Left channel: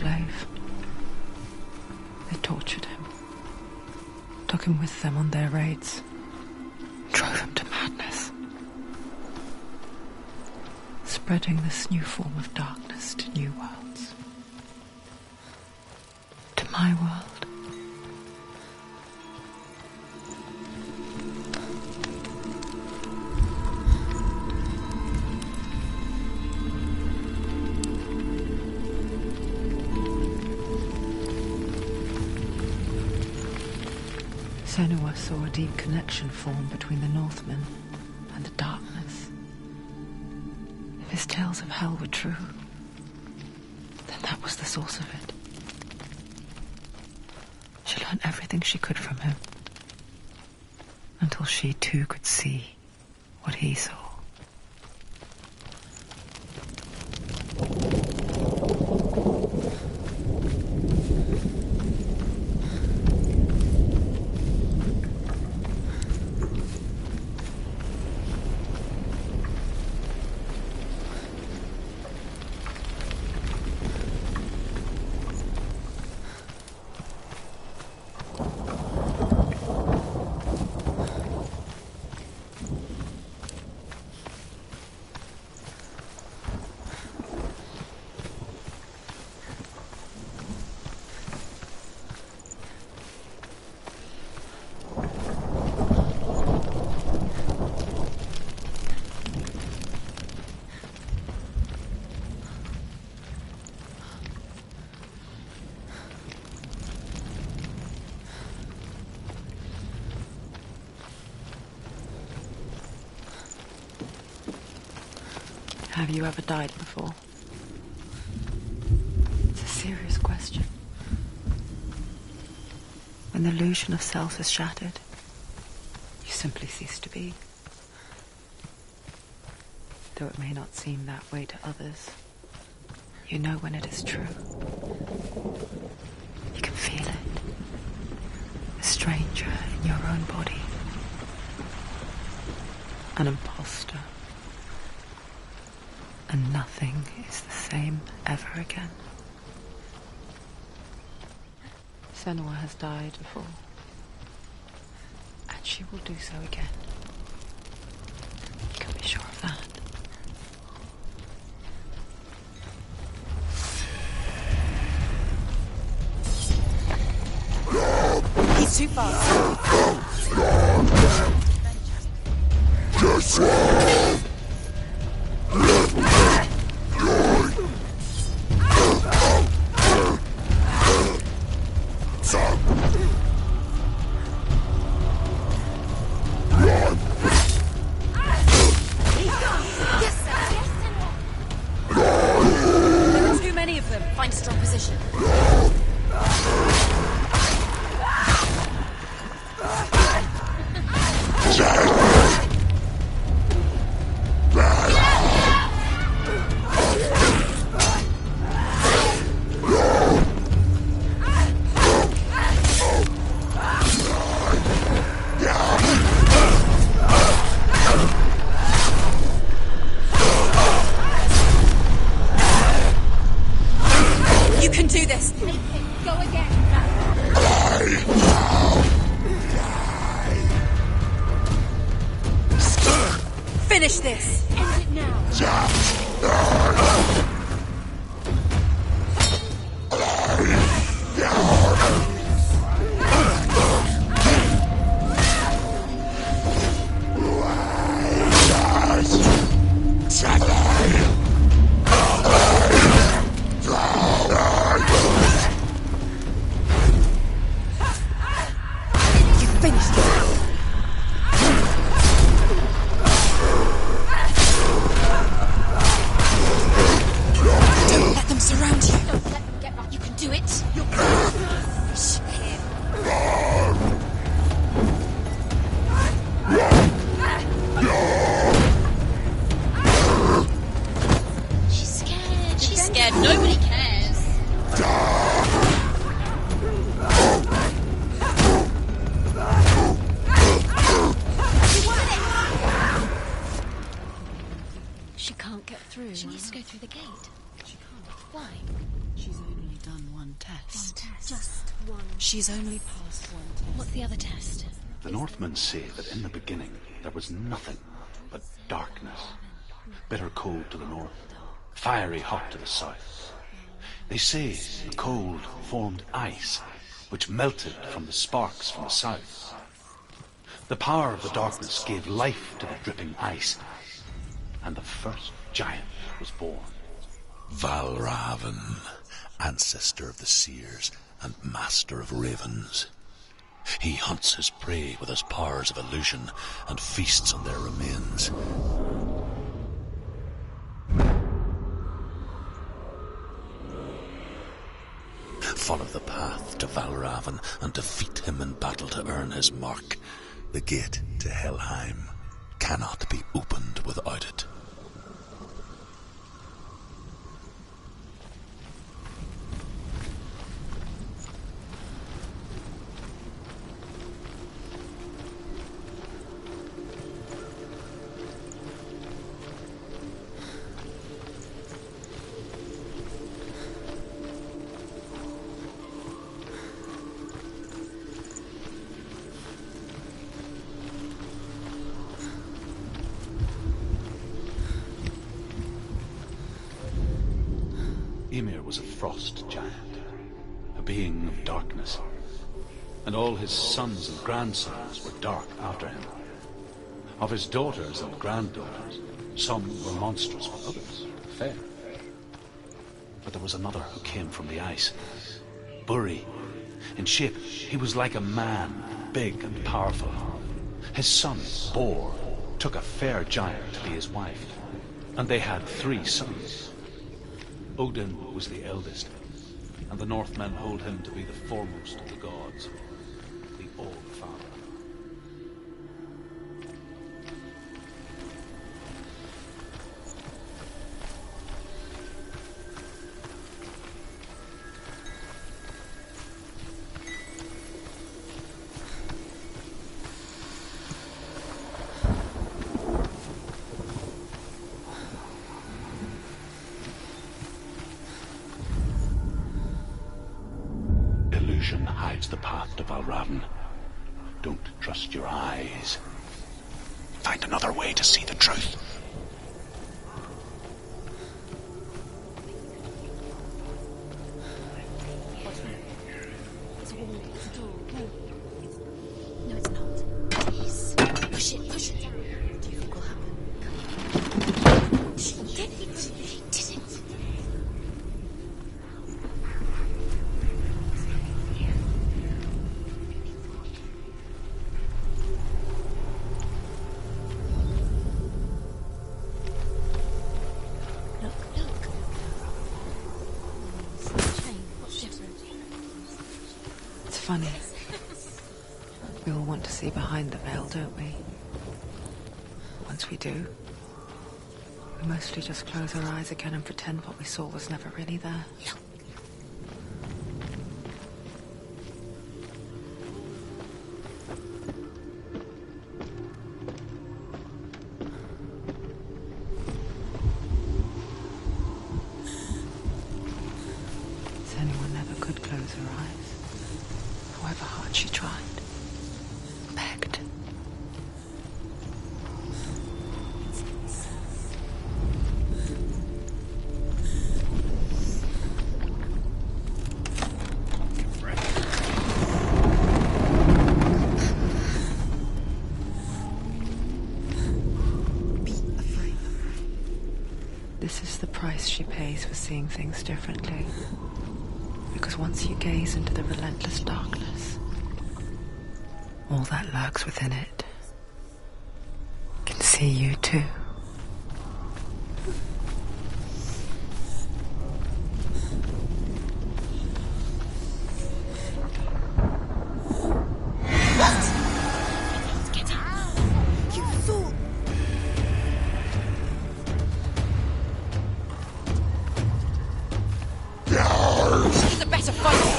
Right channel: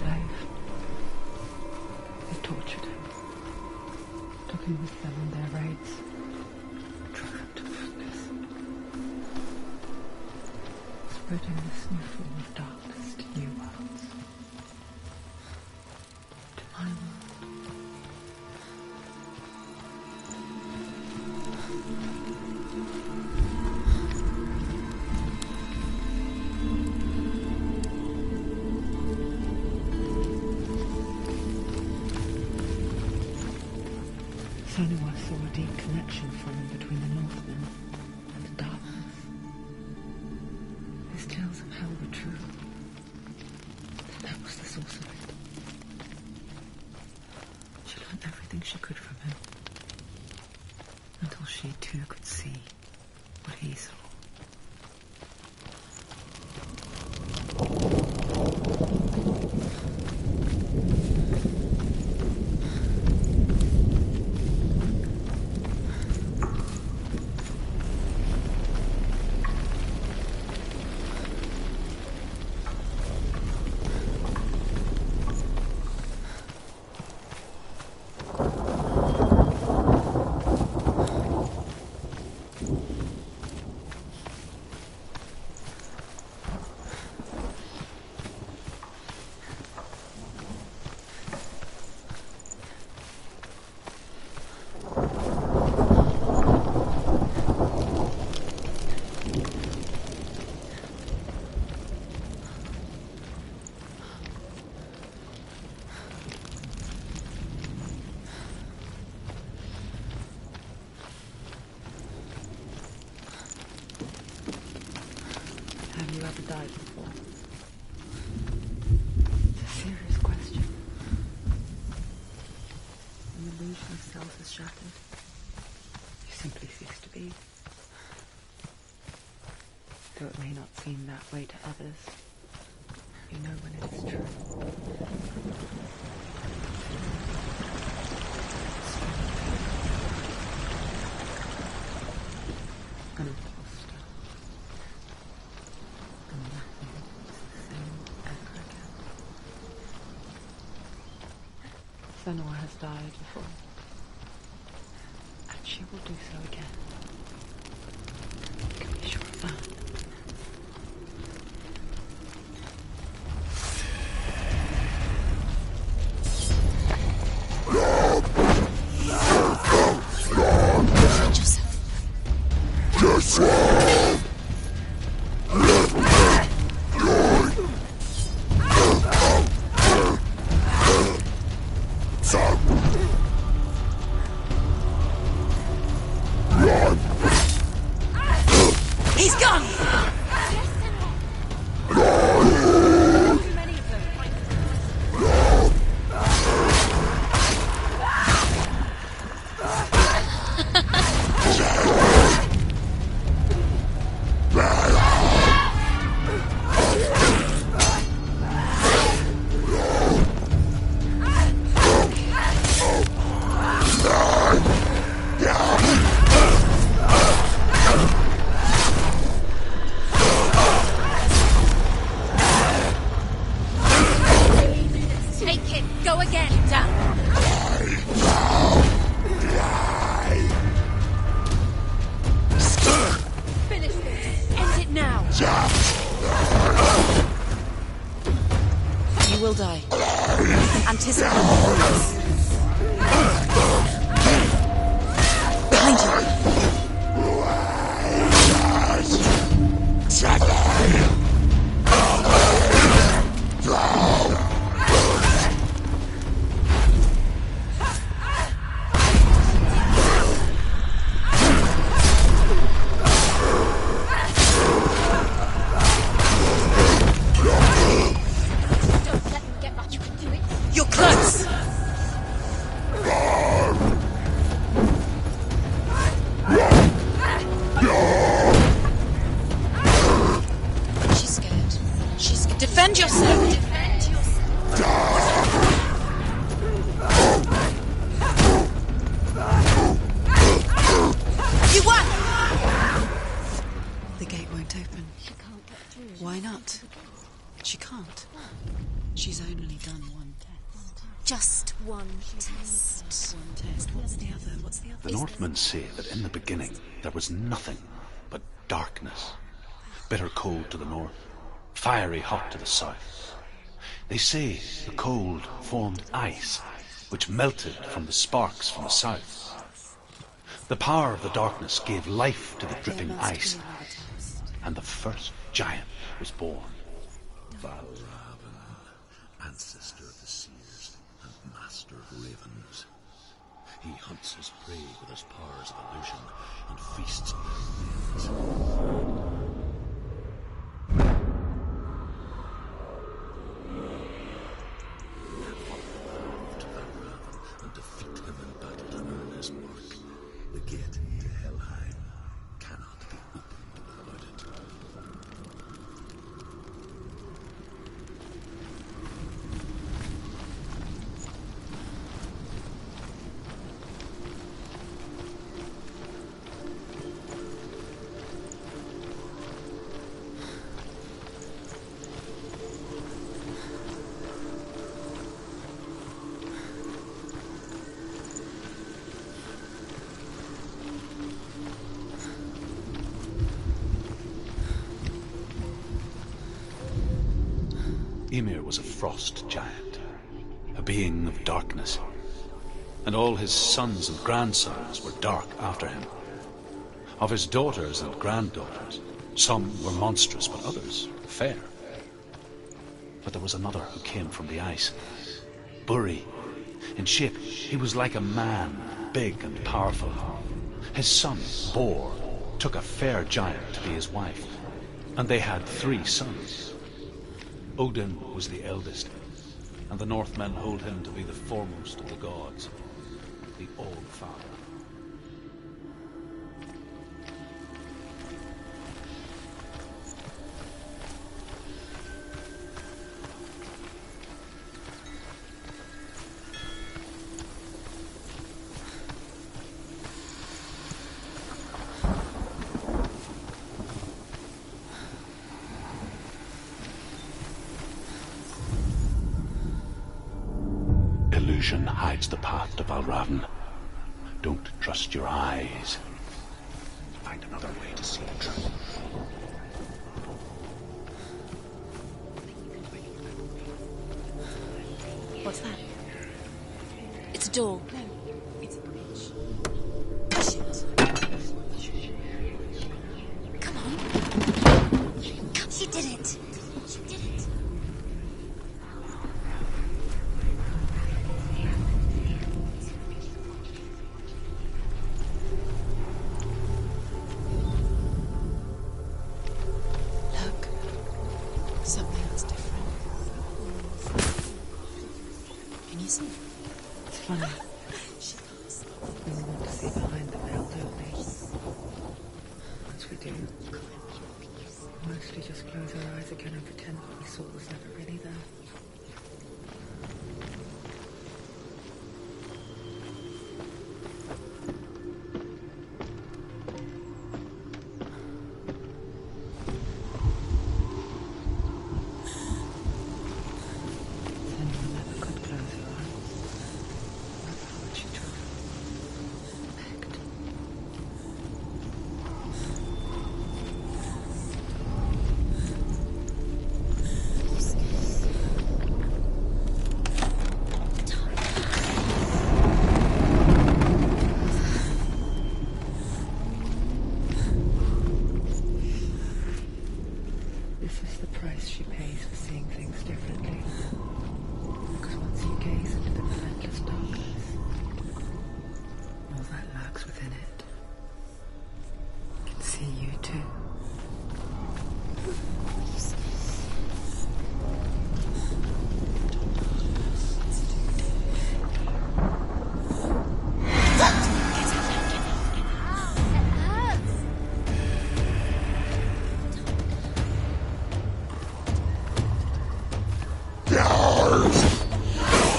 slave. They tortured him, took him with them on their raids, drove him to madness, spreading this new form of darkness to new worlds. To my world. Senua saw a deep connection form between the Northmen and the darkness. If his tales of hell were true, then that was the source of it. She learned everything she could from him, until she too could see what he saw. Have you ever died before? It's a serious question. When the illusion of self is shattered, you simply cease to be. Though it may not seem that way to others, you know when it is true. You can feel it. A stranger in your own body. An imposter. And nothing is the same ever again. Senua has died before, and she will do so again. You can be sure of that. He's too far. He's gone! Too many of them. Find a strong position. Finish this! End it now! You will die. Anticipate. Behind you. She can't. Why? She's only done one test. Just one. She's only passed one test. What's the other test? The Northmen say that in the beginning there was nothing but darkness. Bitter cold to the north, fiery hot to the south. They say the cold formed ice, which melted from the sparks from the south. The power of the darkness gave life to the dripping ice, and the first giant was born. Valravn, ancestor of the seers and master of ravens. He hunts his prey with his powers of illusion and feasts on their remains. Follow the path to Valravn and defeat him in battle to earn his mark. The gate to Helheim cannot be opened without it. Ymir was a frost giant, a being of darkness, and all his sons and grandsons were dark after him. Of his daughters and granddaughters, some were monstrous, but others fair. But there was another who came from the ice, Buri. In shape, he was like a man, big and powerful. His son, Bor, took a fair giant to be his wife, and they had 3 sons. Odin was the eldest, and the Northmen hold him to be the foremost of the gods, the All-Father. Illusion hides the path to Valravn. Don't trust your eyes. Find another way to see the truth. What's that? It's a door. No, it's not. Jeez. Push it, push it. Come on. You did it. You did it. It's funny. We all want to see behind the veil, don't we? Once we do, we mostly just close our eyes again and pretend what we saw was never really there. Anyone never could close her eyes, however hard she tried, begged. This is the price she pays for seeing things differently. Because once you gaze into the relentless darkness, all that lurks within it can see you too. The better price.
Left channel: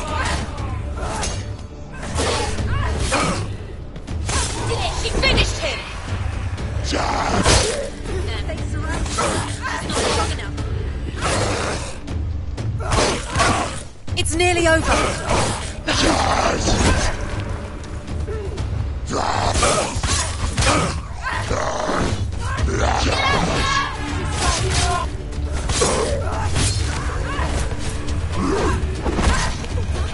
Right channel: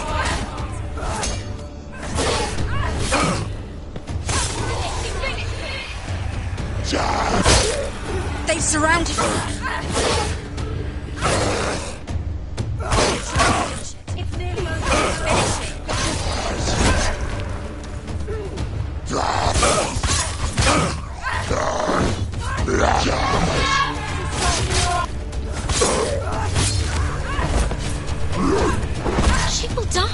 He finished him. They surrounded him. She will die.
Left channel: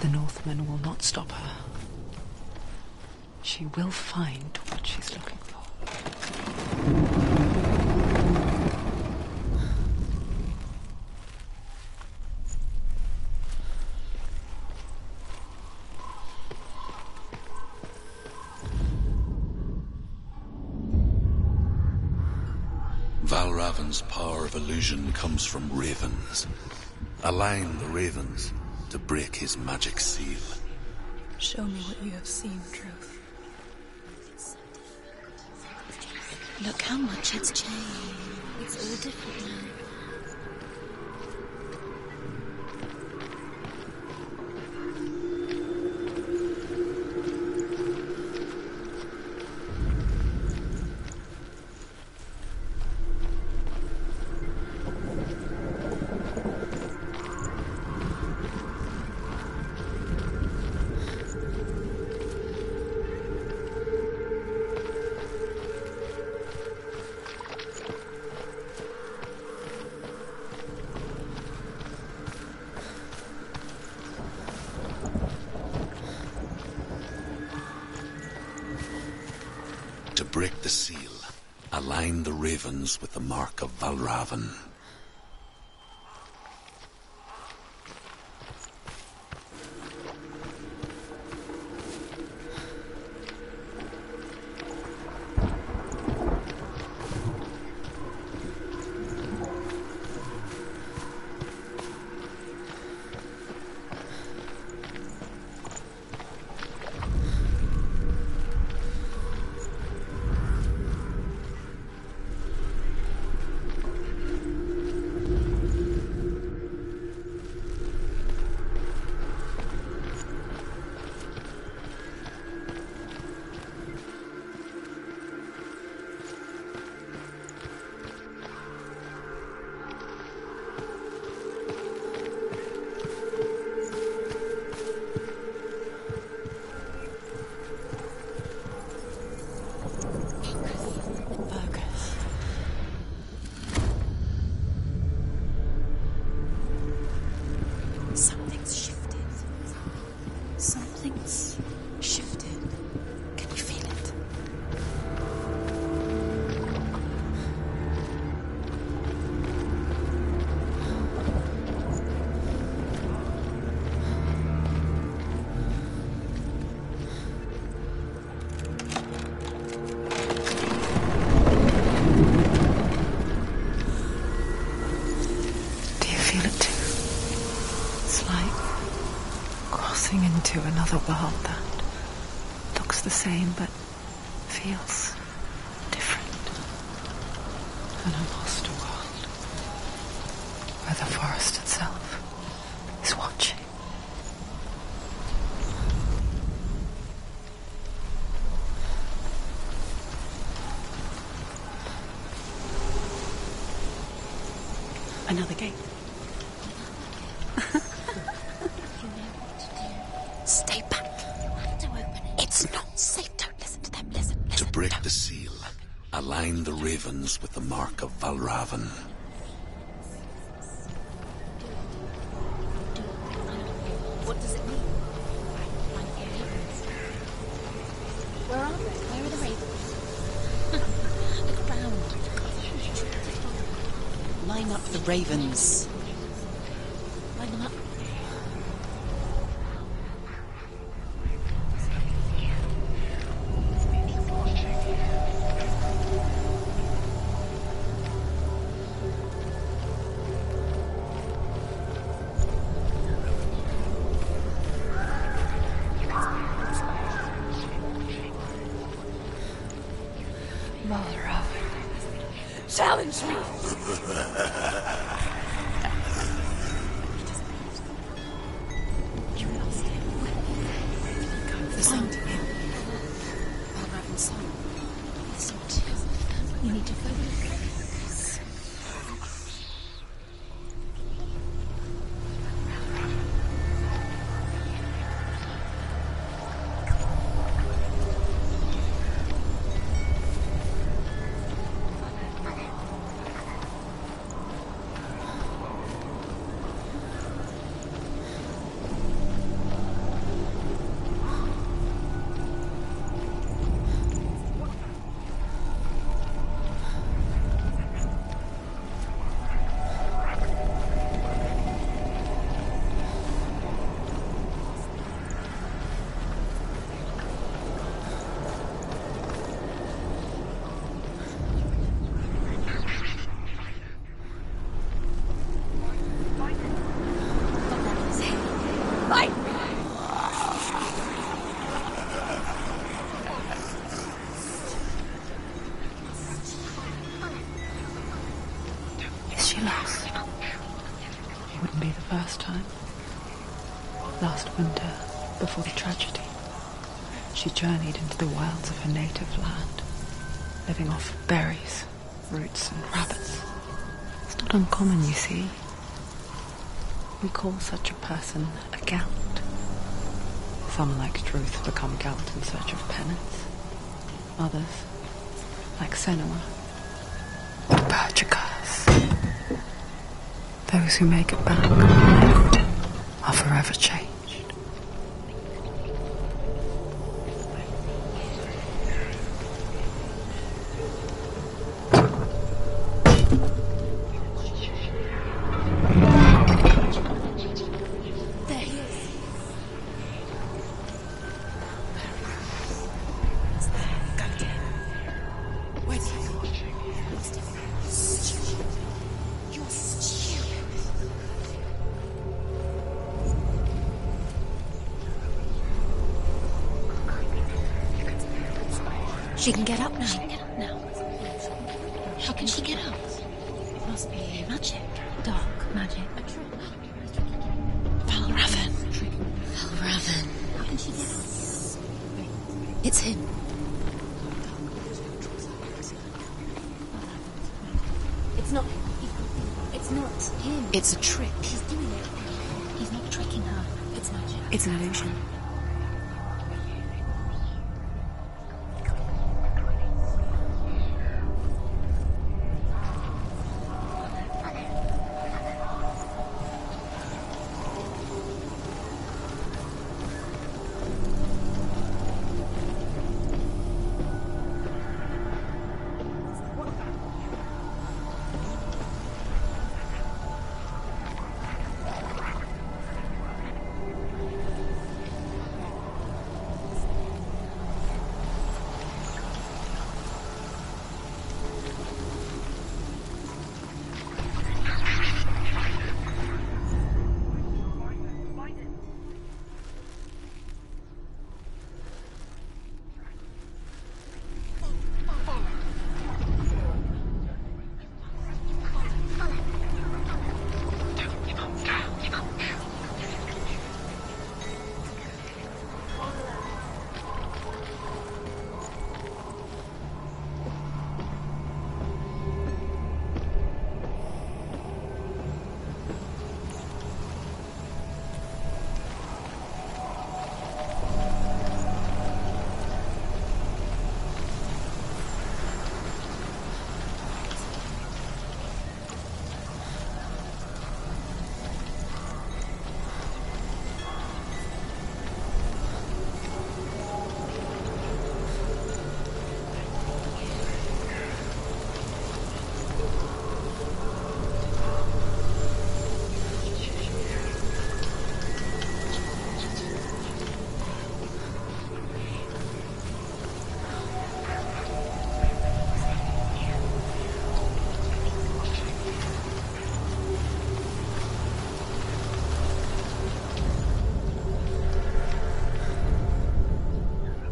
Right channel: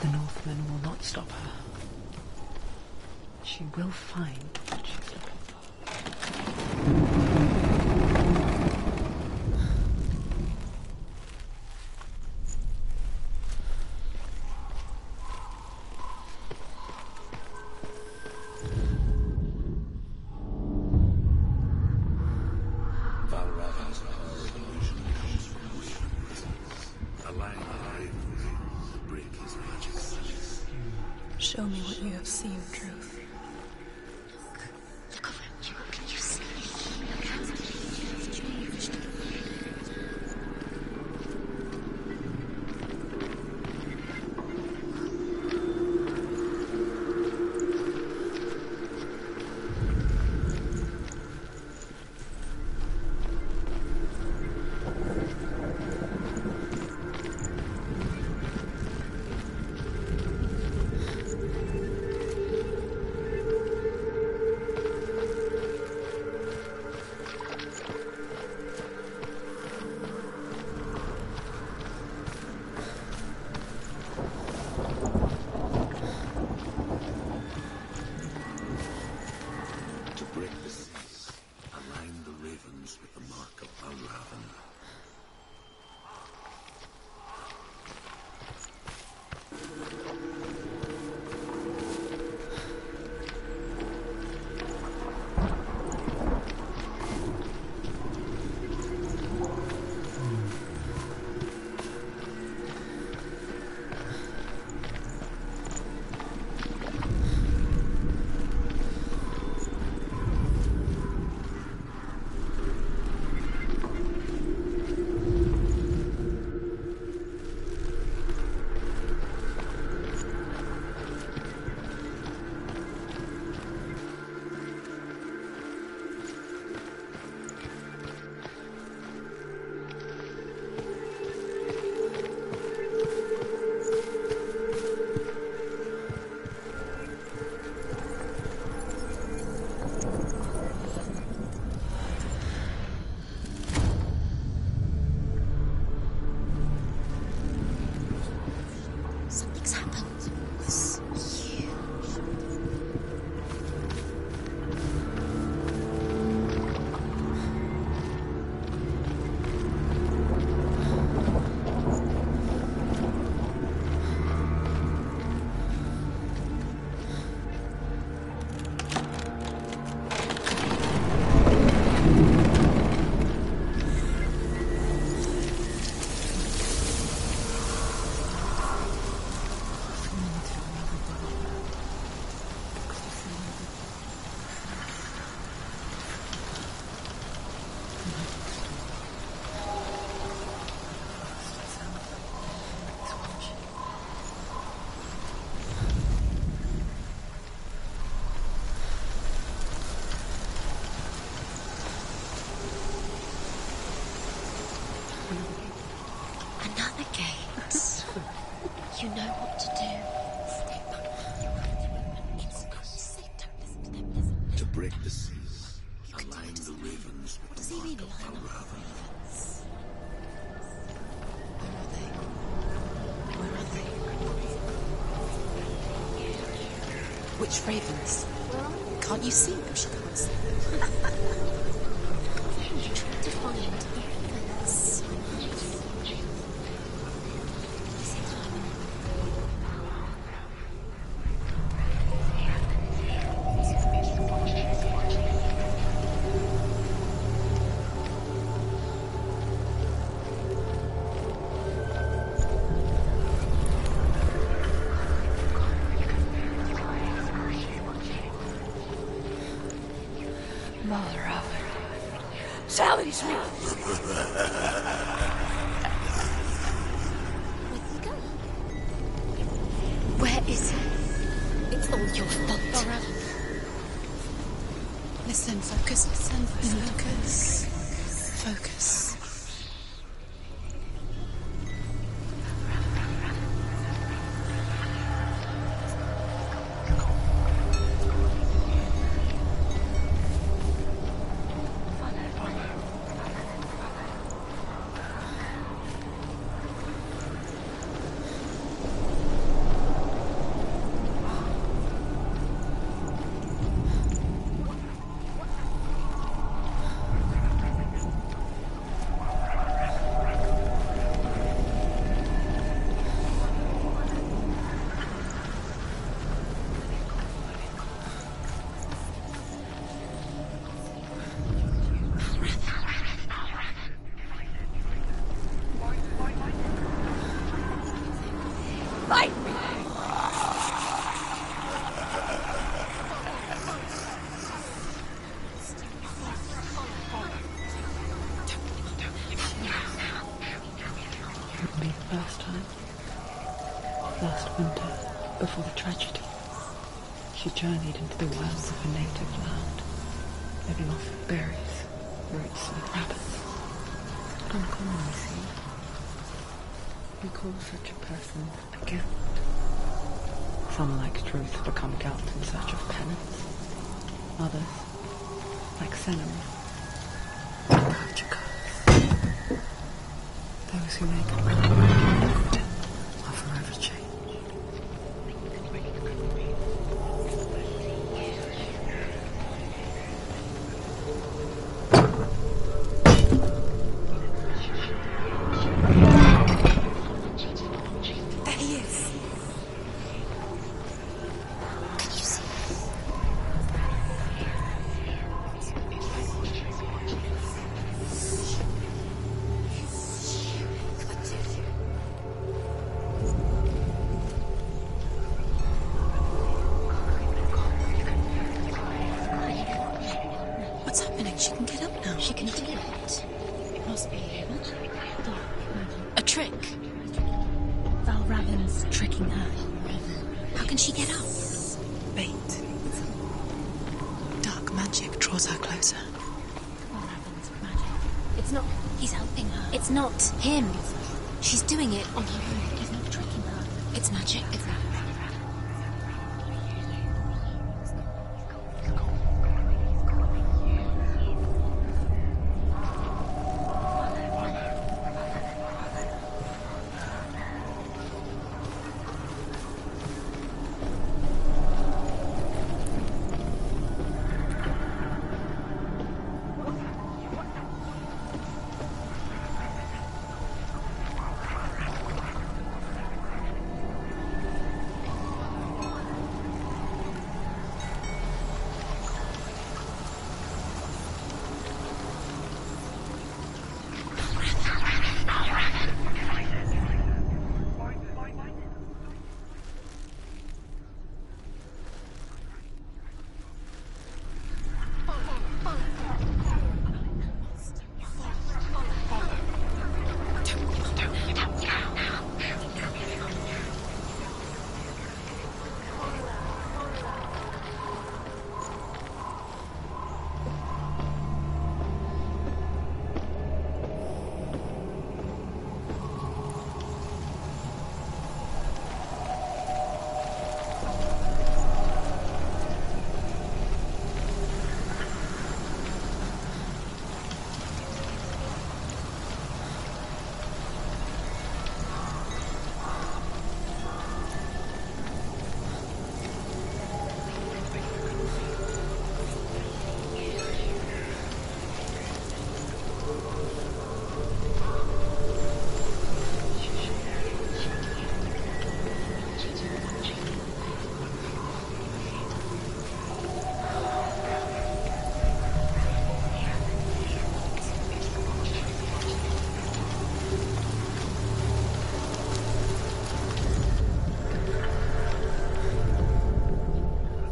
The Northman will not stop her. She will find what she's looking for. Valravan's power of illusion comes from ravens. Align the ravens to break his magic seal. Show me what you have seen, Truth. Look how much it's changed. It's all different now. To break the seal, align the ravens with the mark of Valravan. Into another world that looks the same but feels different. An lost world where the forest itself is watching. Another gate. Another gate. You know what to do. Stay back. To open it. It's not safe. Don't listen to them. Listen. To break the seal, Align the ravens with the mark of Valravan. What does it mean? Which ravens? Well, can't you see which ones? Line up the ravens. Valravan, challenge me! Where is it? It's on your belt. Listen, focus. We need to focus. Focus. Wouldn't be the first time. Last winter, before the tragedy, she journeyed into the wilds of her native land, living off berries, roots and rabbits. It's not uncommon, you see. We call such a person a Gelt. Some, like Truth, become Gelt in search of penance. Others, like Senua, purge a curse. Those who make it back are forever changed. She can get up now. What's happening? She can get up now. She can get out. Must be magic. Dark magic. A trick. Valravan. Tricking her. Valravan. How can she get up? Bait. It's him. Dark magic draws her closer. Valravan's magic. It's not. He's helping her. It's not him. It's a trick. She's doing it on her own. He's not tricking her. It's magic. It's an illusion.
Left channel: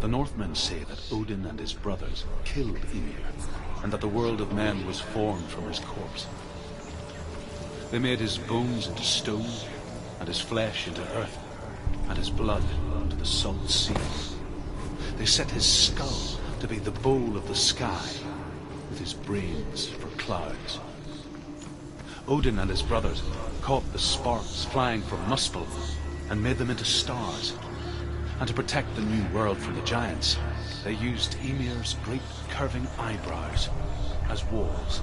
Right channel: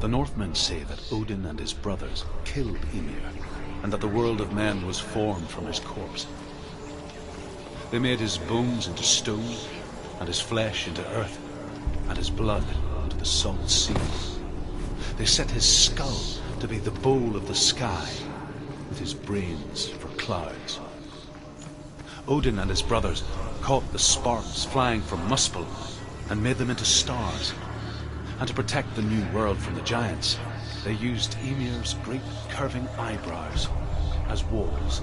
The Northmen say that Odin and his brothers killed Ymir, and that the world of men was formed from his corpse. They made his bones into stone, and his flesh into earth, and his blood into the salt sea. They set his skull to be the bowl of the sky, with his brains for clouds. Odin and his brothers caught the sparks flying from Muspel and made them into stars. And to protect the new world from the giants, they used Ymir's great curving eyebrows as walls.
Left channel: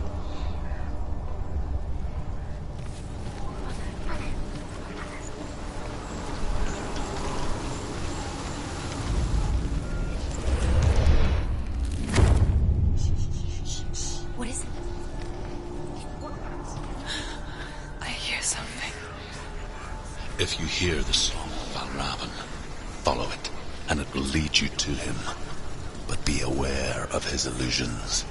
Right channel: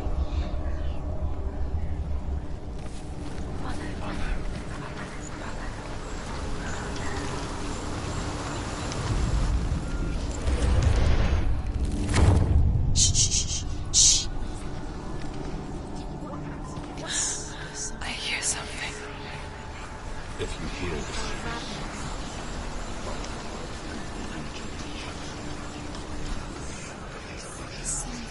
If you hear the song of Valravn, follow it, and it will lead you to him. But be aware of his illusions.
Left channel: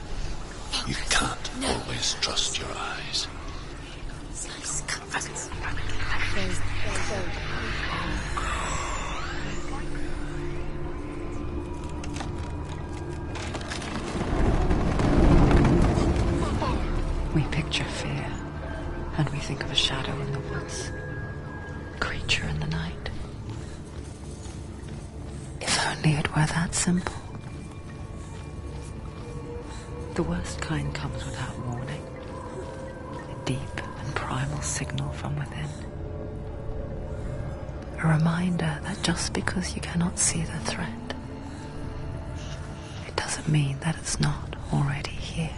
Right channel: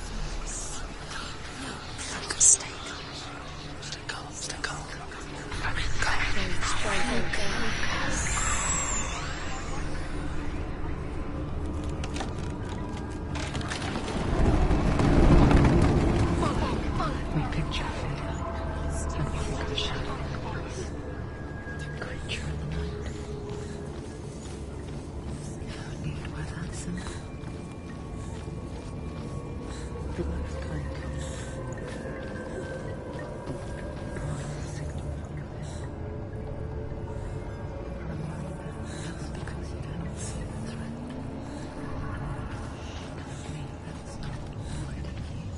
You can't always trust your eyes. We picture fear, and we think of a shadow in the woods. Creature in the night. If only it were that simple. The worst kind comes without warning. A deep and primal signal from within. A reminder that just because you cannot see the threat, it doesn't mean that it's not already here.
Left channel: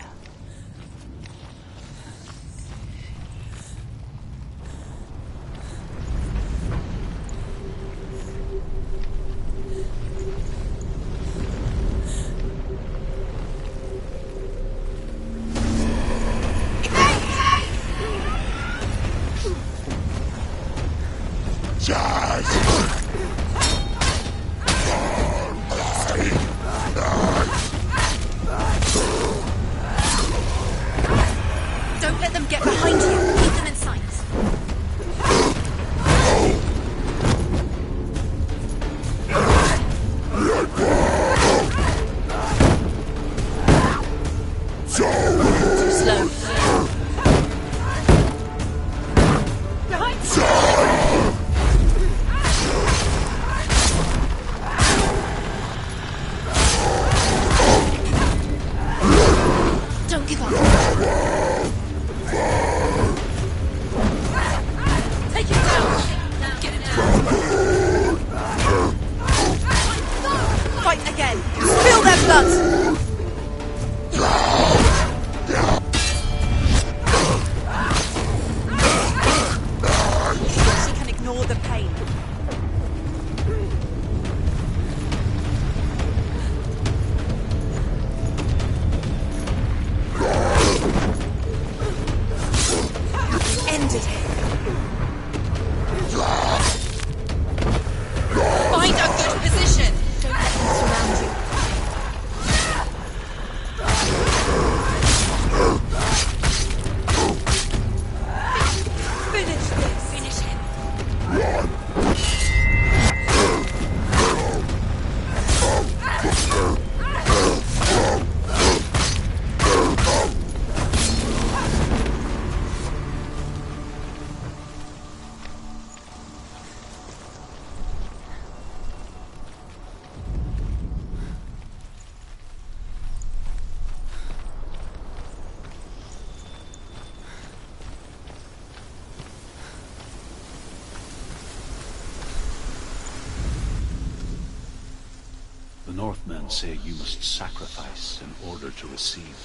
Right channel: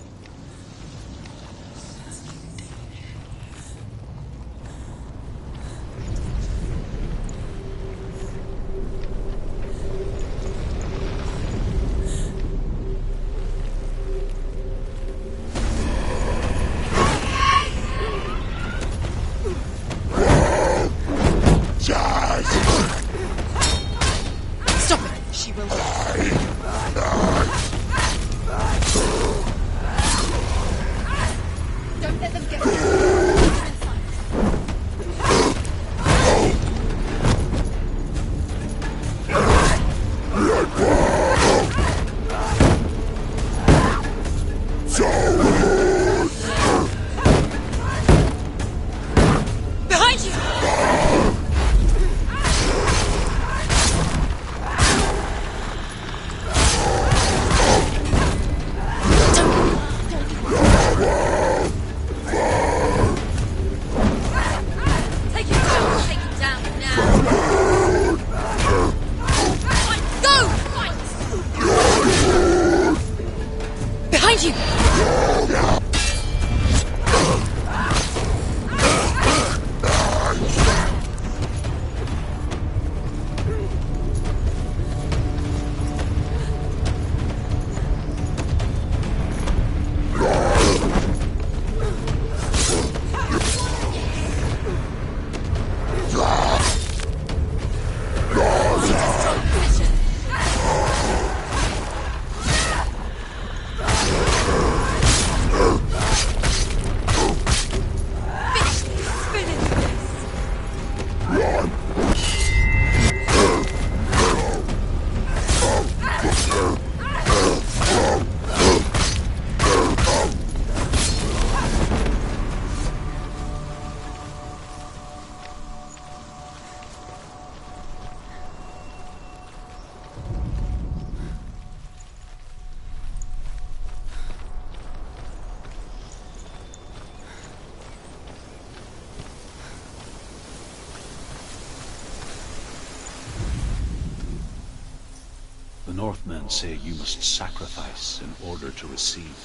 The Northmen say you must sacrifice in order to receive.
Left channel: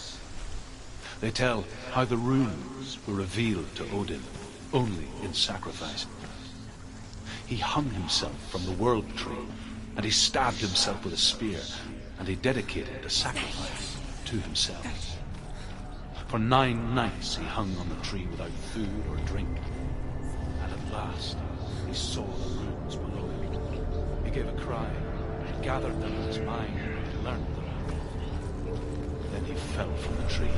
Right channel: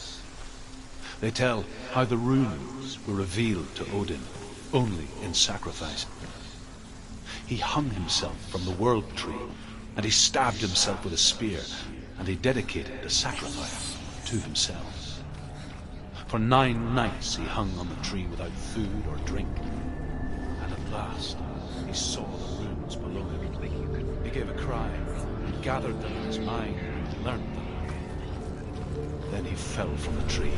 They tell how the runes were revealed to Odin only in sacrifice. He hung himself from the world tree, and he stabbed himself with a spear, and he dedicated the sacrifice to himself. For 9 nights he hung on the tree without food or drink, and at last he saw the runes below him. He gave a cry, he gathered them in his mind, and learned them. Then he fell from the tree.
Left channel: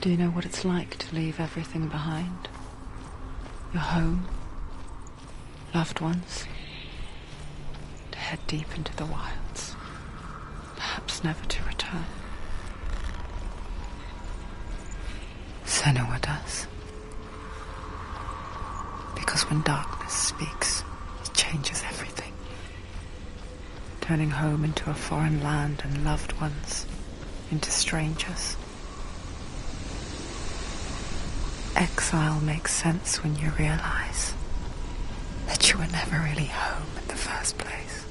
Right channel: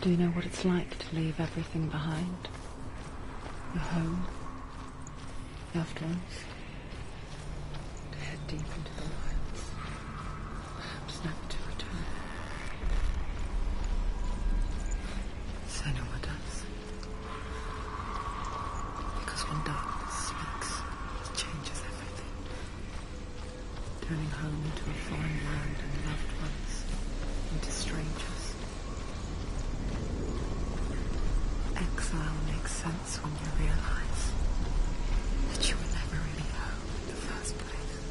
Do you know what it's like to leave everything behind? Your home, loved ones, to head deep into the wilds, perhaps never to return. Senua does. Because when darkness speaks, it changes everything, turning home into a foreign land and loved ones into strangers. Exile makes sense when you realize that you were never really home in the first place.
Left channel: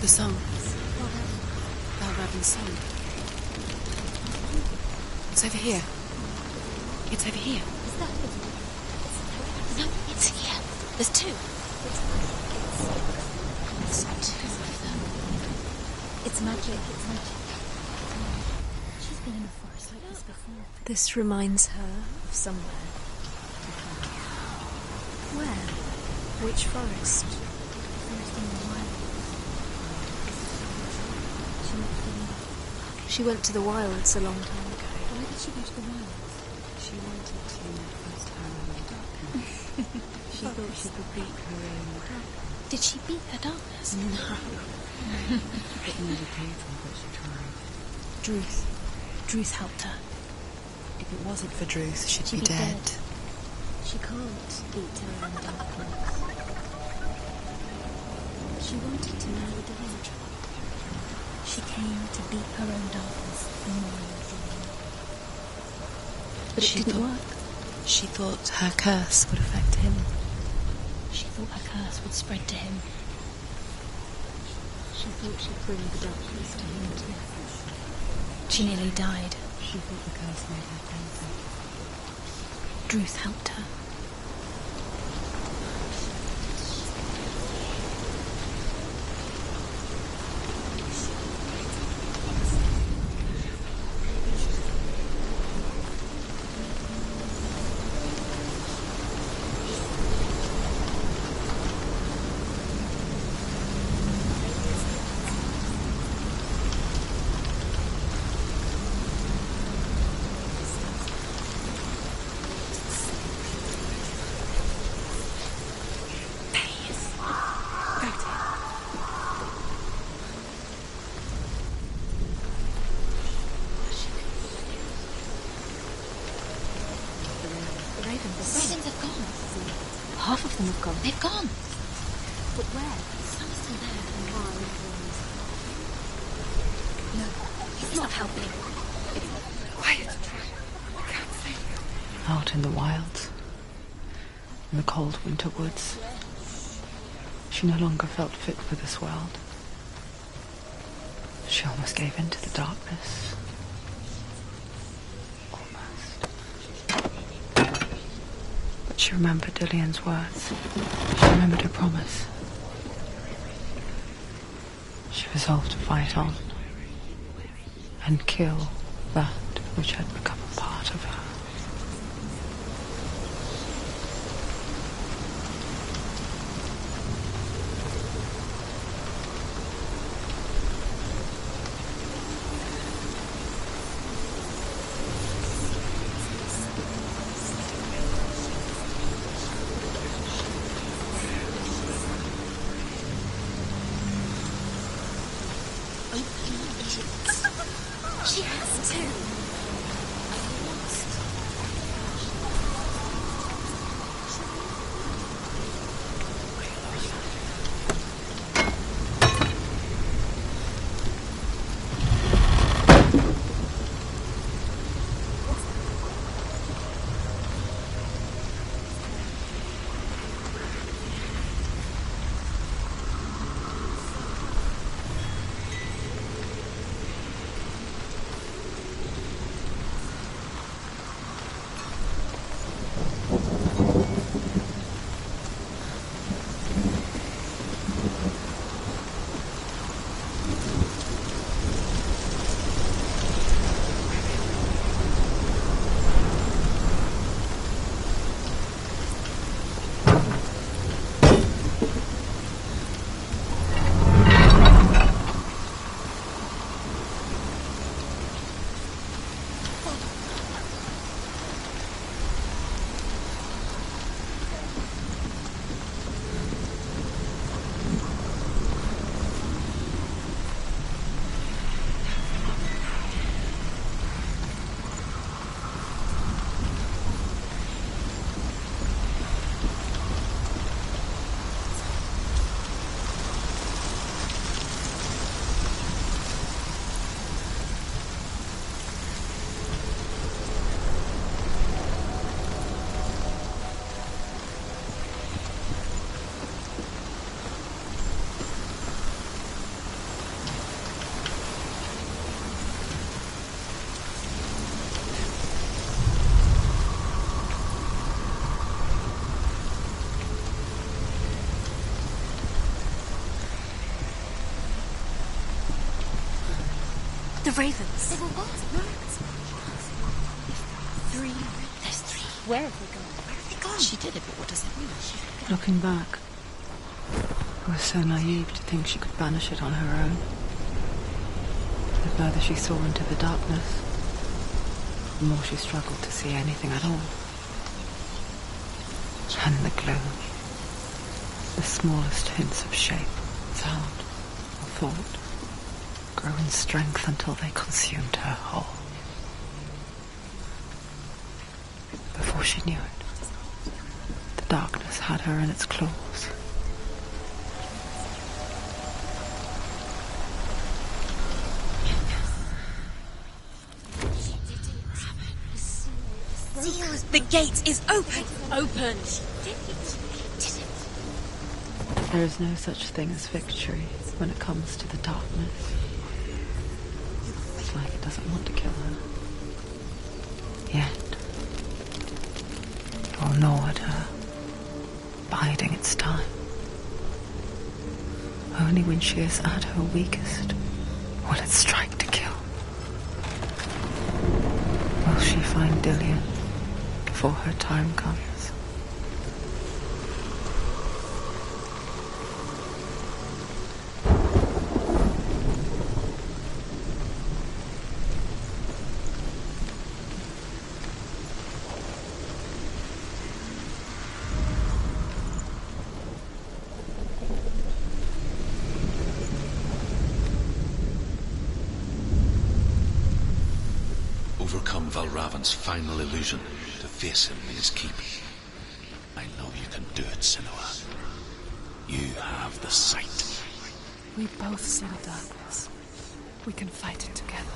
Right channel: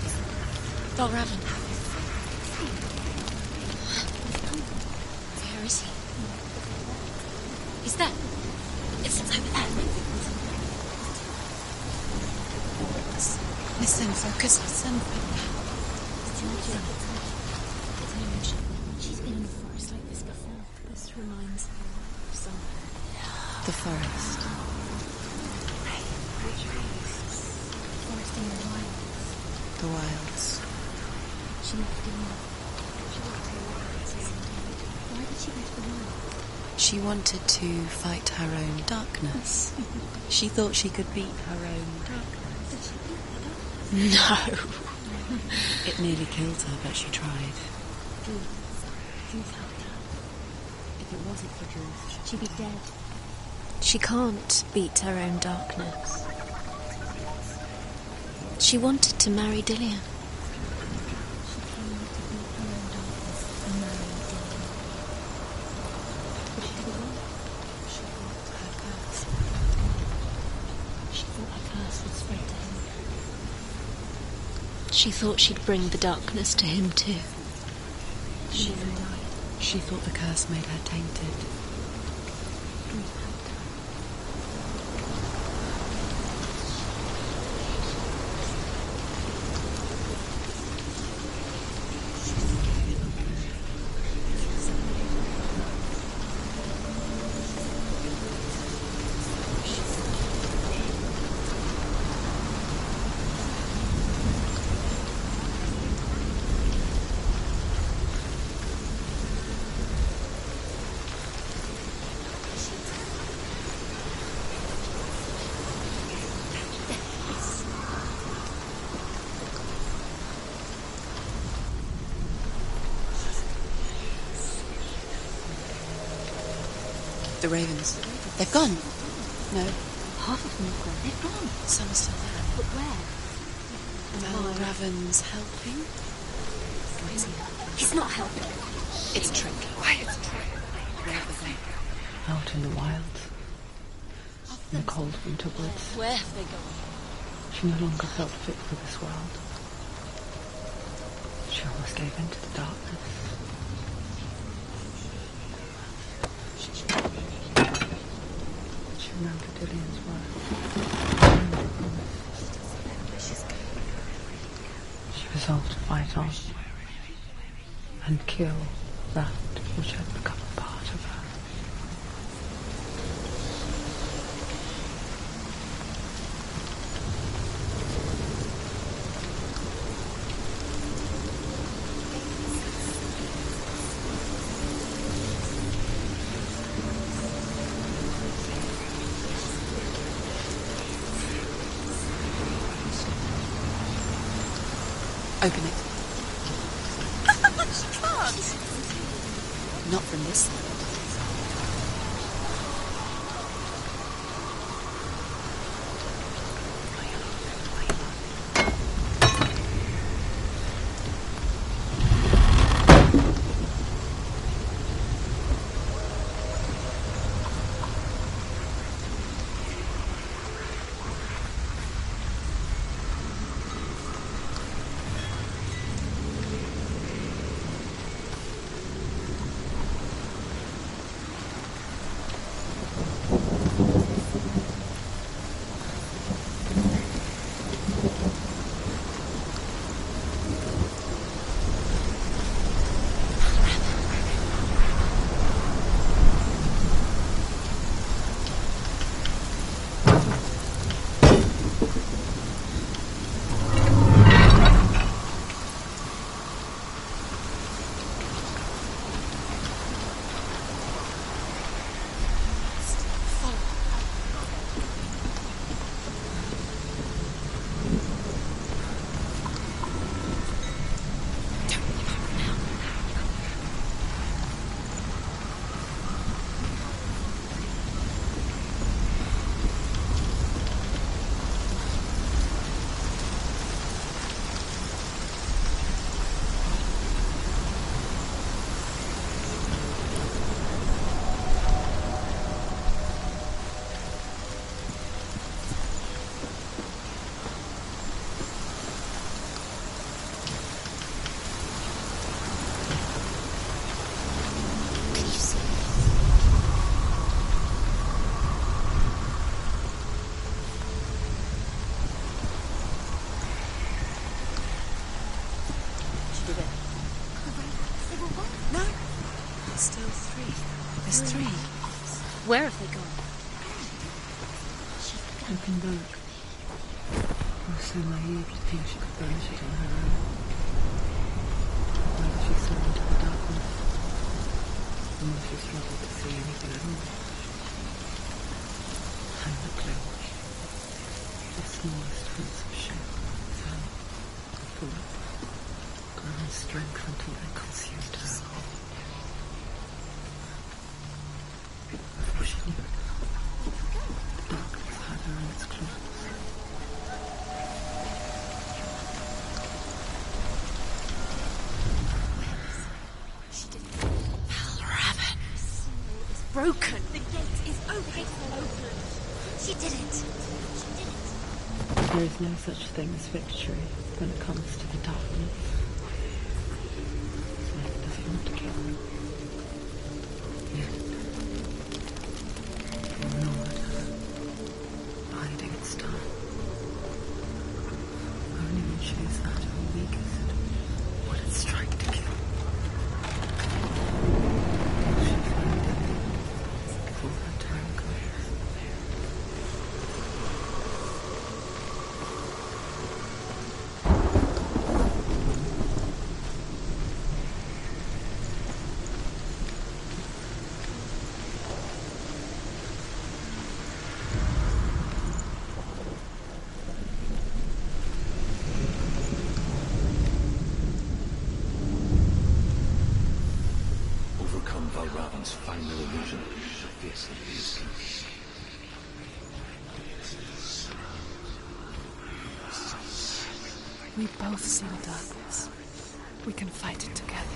The song. Balraven. Balraven's song. It's over here. It's over here. Is that? It's over there. No, it's here. There's two. Listen, focus, listen. It's magic. It's magic. It's magic. She's been in the forest like this before. This reminds her of somewhere. The forest. Where? Which forest? Forest in the wild. The wilds. She left the wild. She went to the wilds a long time ago. Why did she go to the wild? She wanted to fight her own darkness. She thought she could beat her own darkness. Did she beat the darkness? No. It nearly killed her, but she tried. Druth. Druth helped her. If it wasn't for Druth, she'd be dead. She can't beat her own darkness. She wanted to marry Dillian. She came to beat her own darkness and marry Dillian. But it didn't work. She thought her curse would affect him. She thought her curse would spread to him. She thought she'd bring the darkness to him too. She nearly died. She thought the curse made her tainted. Druth helped her. The ravens. The ravens. They've gone. They've gone. No. Half of them have gone. They've gone. Some are still there. But where? Some are still there. No. Raven's helping. No. He's not helping. It's true. Quiet. Out in the wilds, in the cold winter woods, Where have they gone? she no longer felt fit for this world. She almost gave in to the darkness. She remembered Dillian's words. She remembered her promise. She resolved to fight on and kill that which had become a part of her. Open it. She has to. Not from this The ravens. They were what? No. Still three. There's three. There's three. Where have they gone? They're gone. She did it, but what does it mean? Looking back, I was so naive to think she could banish it on her own. The further she saw into the darkness, the more she struggled to see anything at all. And the gloom, the smallest hints of shape, sound, or thought, grew in strength until they consumed her whole. Before she knew it, the darkness had her in its claws. Broke. The gate is open. Open. She did it. There is no such thing as victory when it comes to the darkness. It's like it doesn't want to kill her. Yet, it will gnaw at her, biding its time. Only when she is at her weakest will it strike to kill. Will she find Dillian before her time comes? Overcome Valravan's final illusion to face him in his keep. I know you can do it, Senua. You have the sight. We both see the darkness. We can fight it together.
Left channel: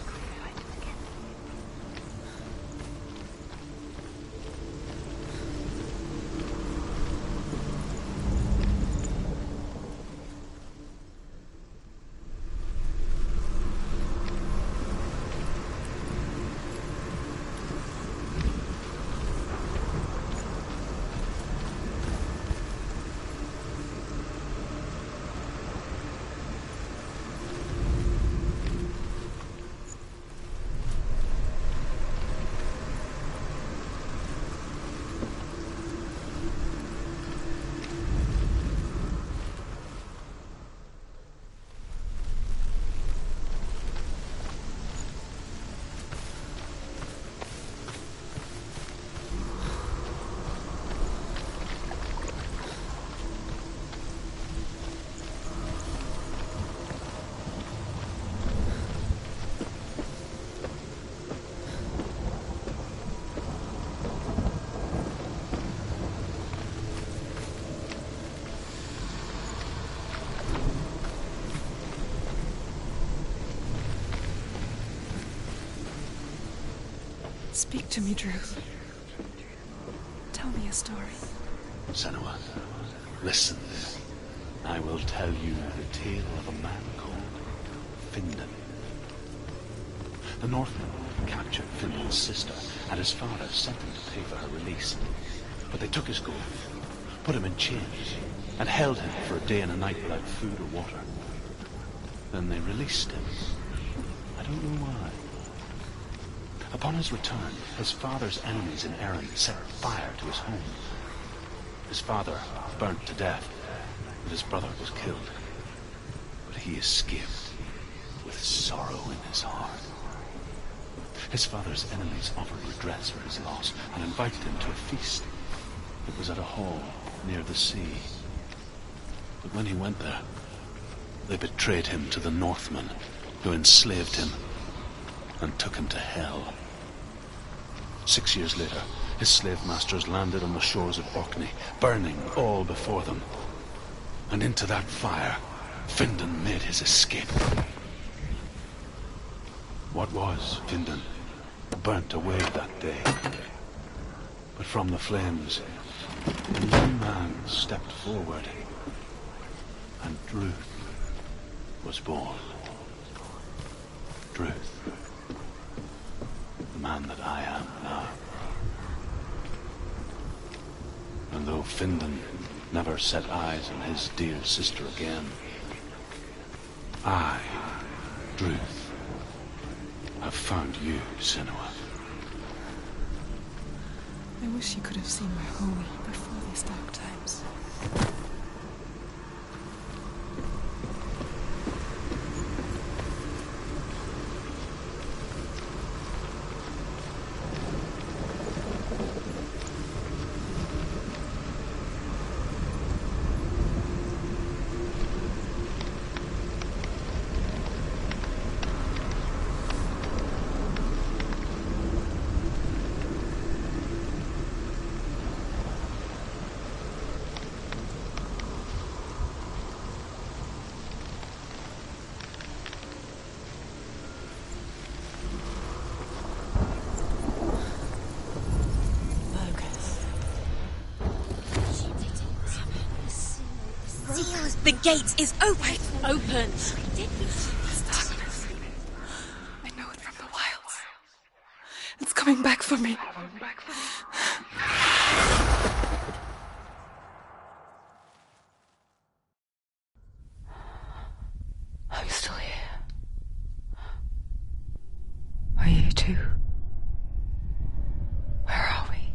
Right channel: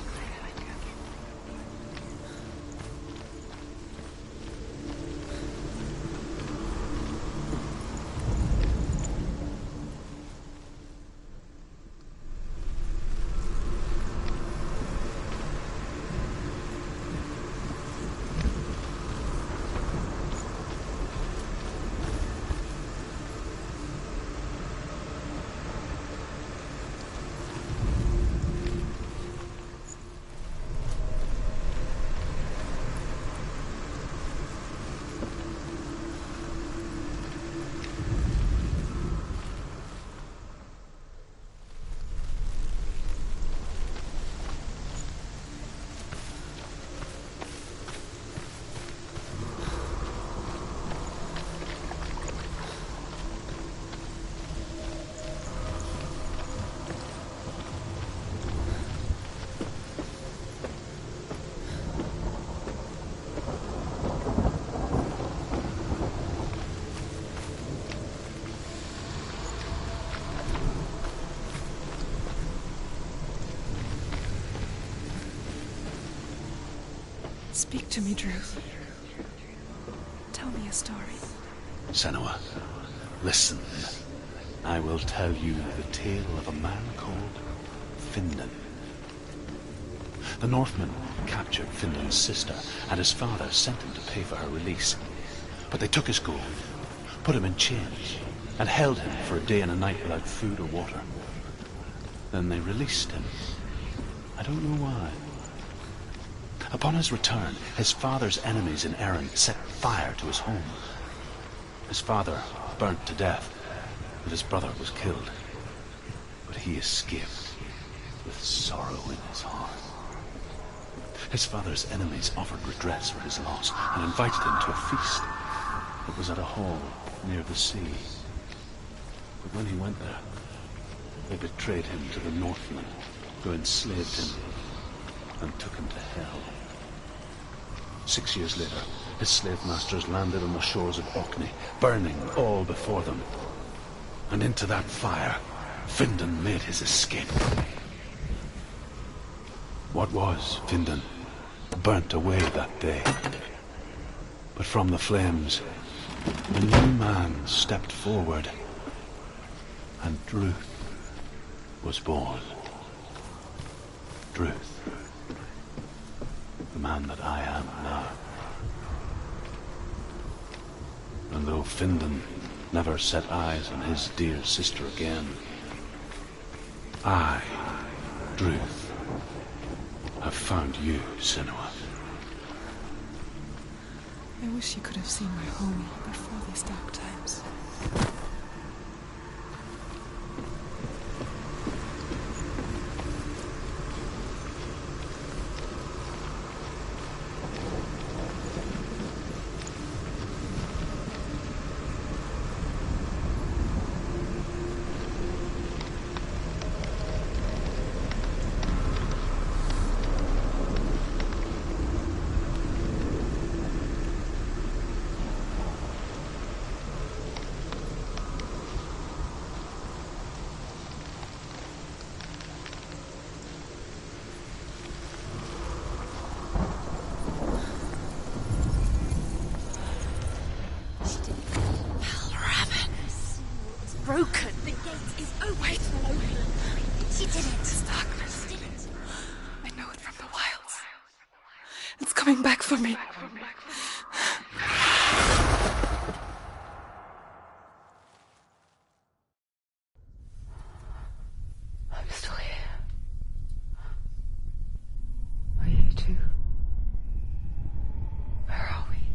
Speak to me, Druth. Tell me a story. Senua, listen. I will tell you the tale of a man called Findan. The Northmen captured Findan's sister, and his father sent him to pay for her release. But they took his gold, put him in chains, and held him for a day and a night without food or water. Then they released him. I don't know why. Upon his return, his father's enemies in Erin set fire to his home. His father burnt to death, and his brother was killed. But he escaped with sorrow in his heart. His father's enemies offered redress for his loss and invited him to a feast. It was at a hall near the sea. But when he went there, they betrayed him to the Northmen, who enslaved him and took him to hell. 6 years later, his slave masters landed on the shores of Orkney, burning all before them. And into that fire, Findan made his escape. What was Findan burnt away that day. But from the flames, a new man stepped forward, and Druth was born. Druth. The man that I am now. And though Findan never set eyes on his dear sister again, I, Druth, have found you, Senua. I wish you could have seen my home before these dark times. The gate is open. Open. This darkness. I know it from the wilds. It's coming back for me. I'm still here. Are you too? Where are we?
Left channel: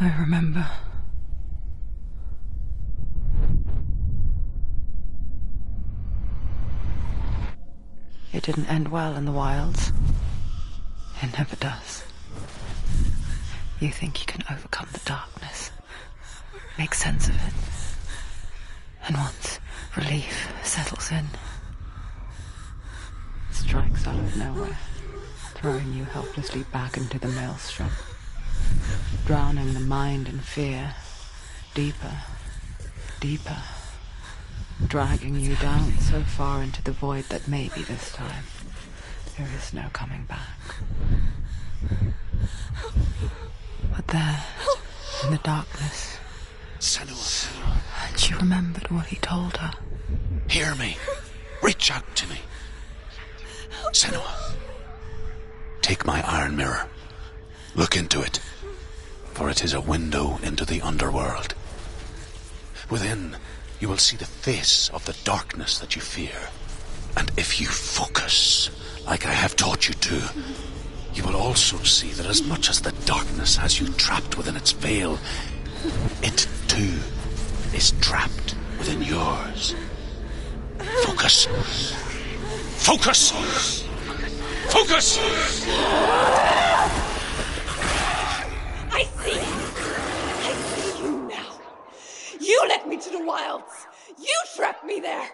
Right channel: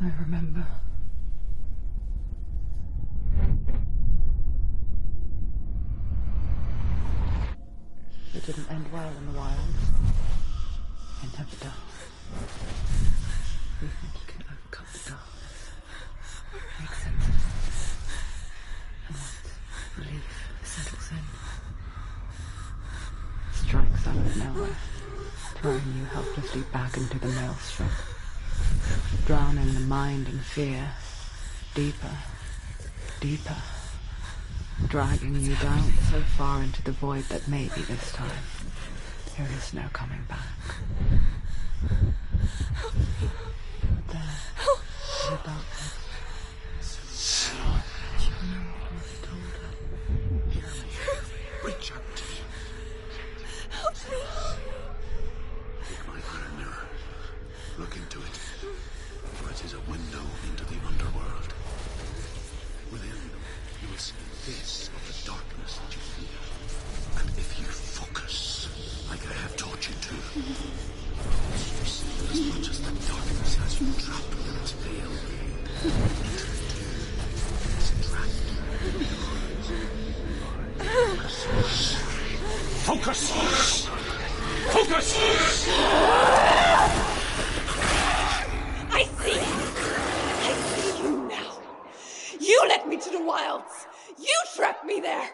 I remember. It didn't end well in the wilds. It never does. You think you can overcome the darkness, make sense of it, and once relief settles in, it strikes out of nowhere, throwing you helplessly back into the maelstrom, drowning the mind in fear, deeper, deeper, dragging you down so far into the void that maybe this time there is no coming back. But there, in the darkness, Senua, she remembered what he told her. hear me. Reach out to me. Senua, take my iron mirror. Look into it, for it is a window into the underworld. Within, you will see the face of the darkness that you fear. And if you focus, like I have taught you to, you will also see that as much as the darkness has you trapped within its veil, it too is trapped within yours. Focus. Focus! Focus! I see you! I see you now! You led me to the wilds! You trapped me there!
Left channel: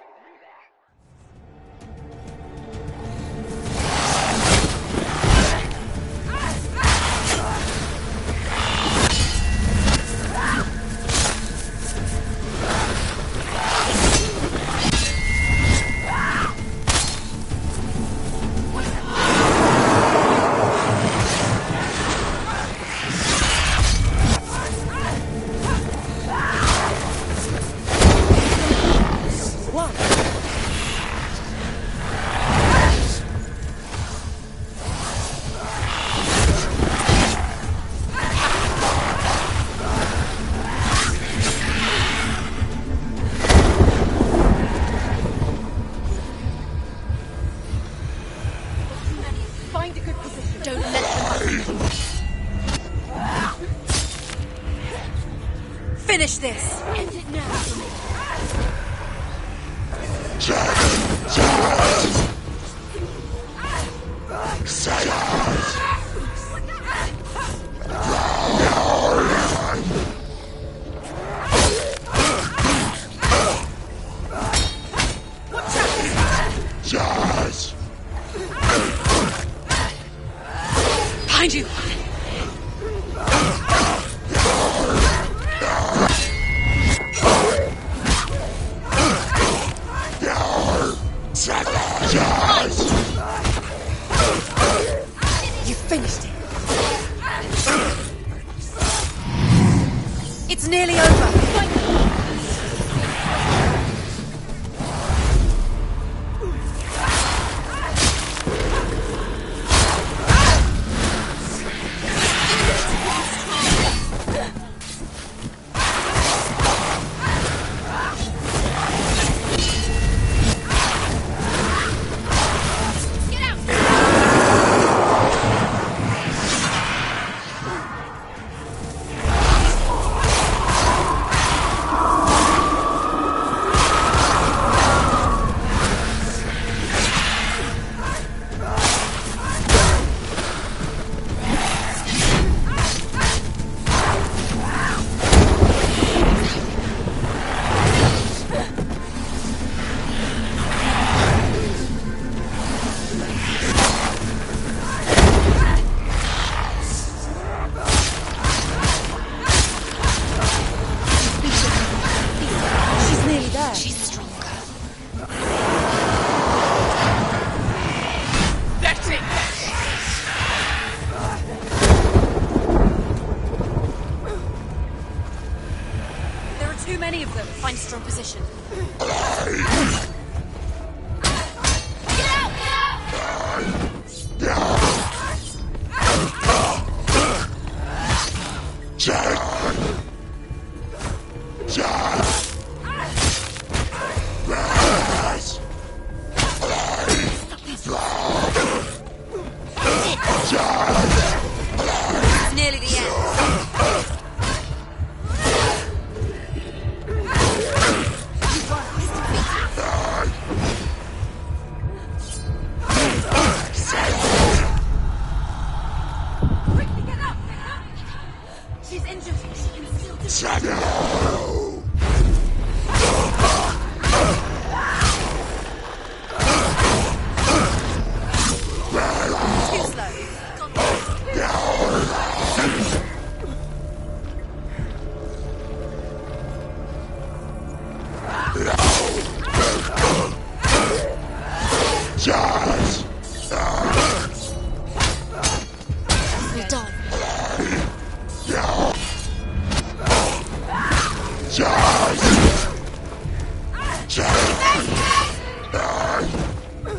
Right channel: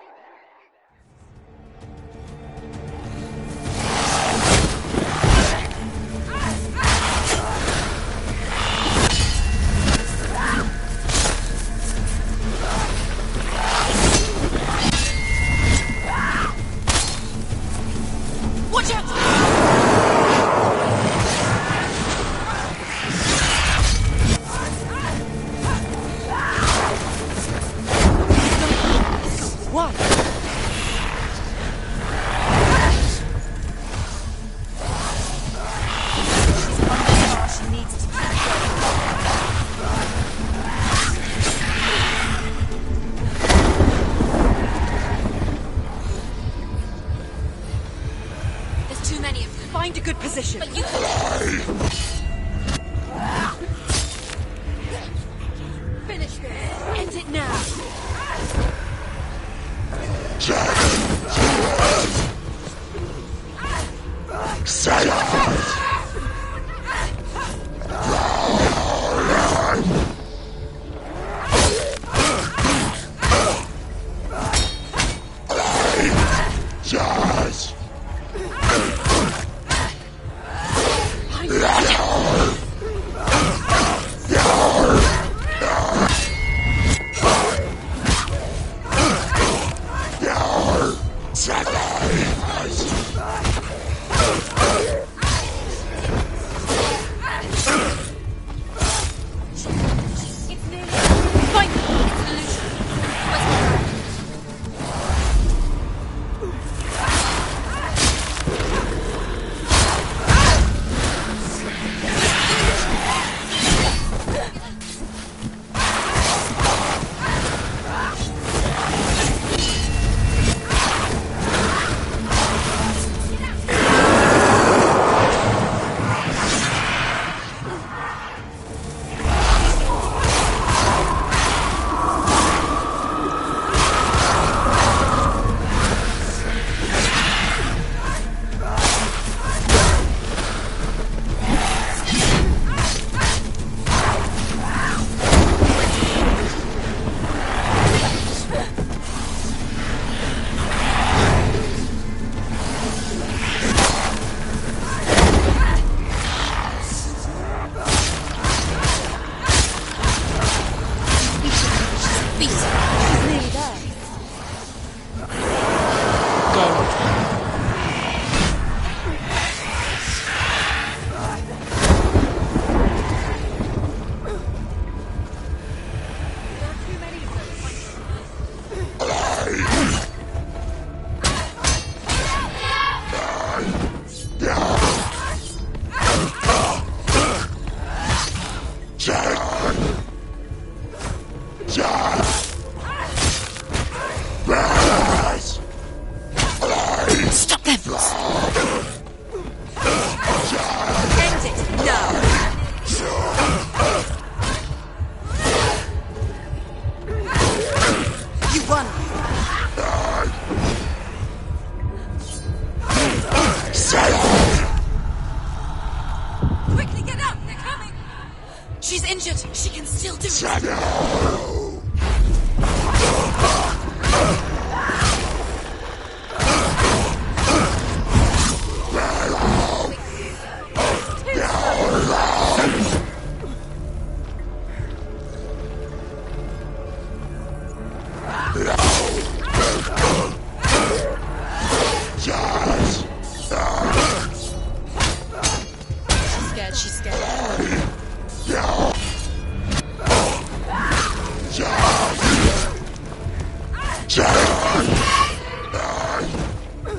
Watch out! One. There's too many of them. Find a good position. Don't let Finish this. end it now. Find it.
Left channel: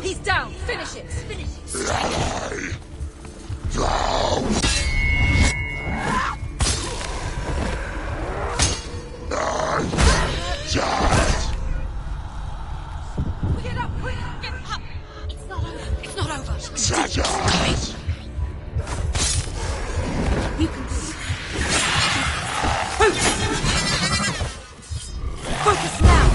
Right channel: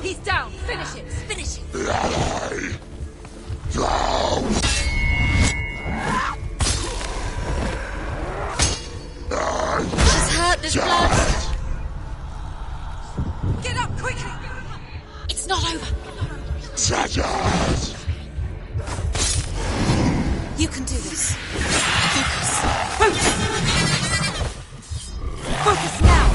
He's down. Finish it. Finish it. He's hurt. Get up quickly. Get up. It's not over. It's not over. You can do this. Focus. Focus now.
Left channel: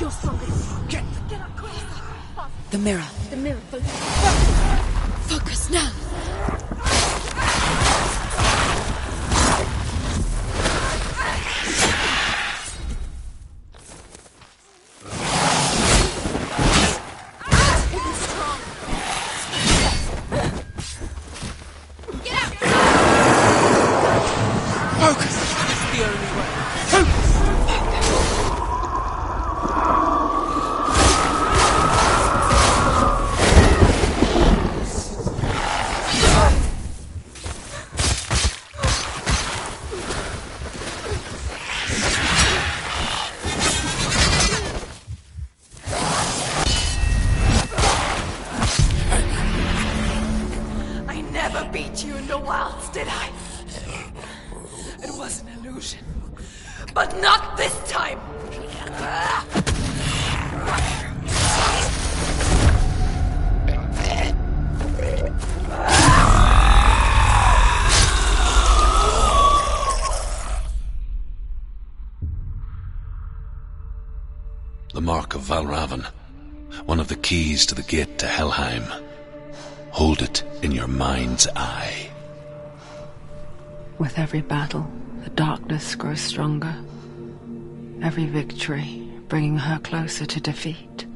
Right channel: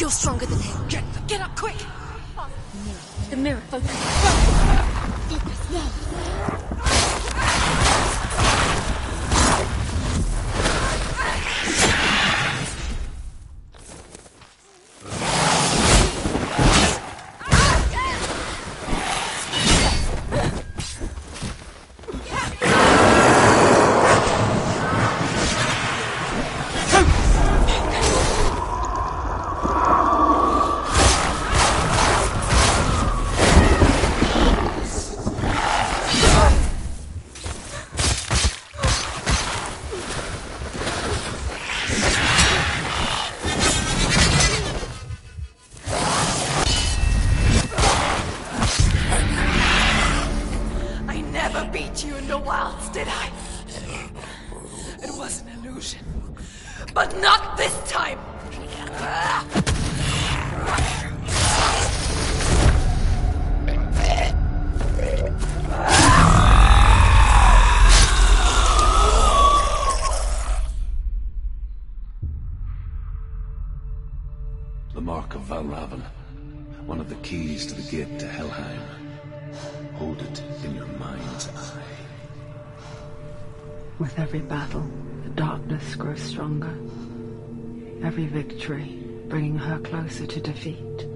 You're stronger than him. Get up quick. The mirror. The mirror. Focus. Focus now. Beat you in the wilds, did I? It was an illusion. But not this time! The Mark of Valravan, one of the keys to the gate to Helheim. Hold it in your mind's eye. With every battle, the darkness grows stronger. Every victory bringing her closer to defeat.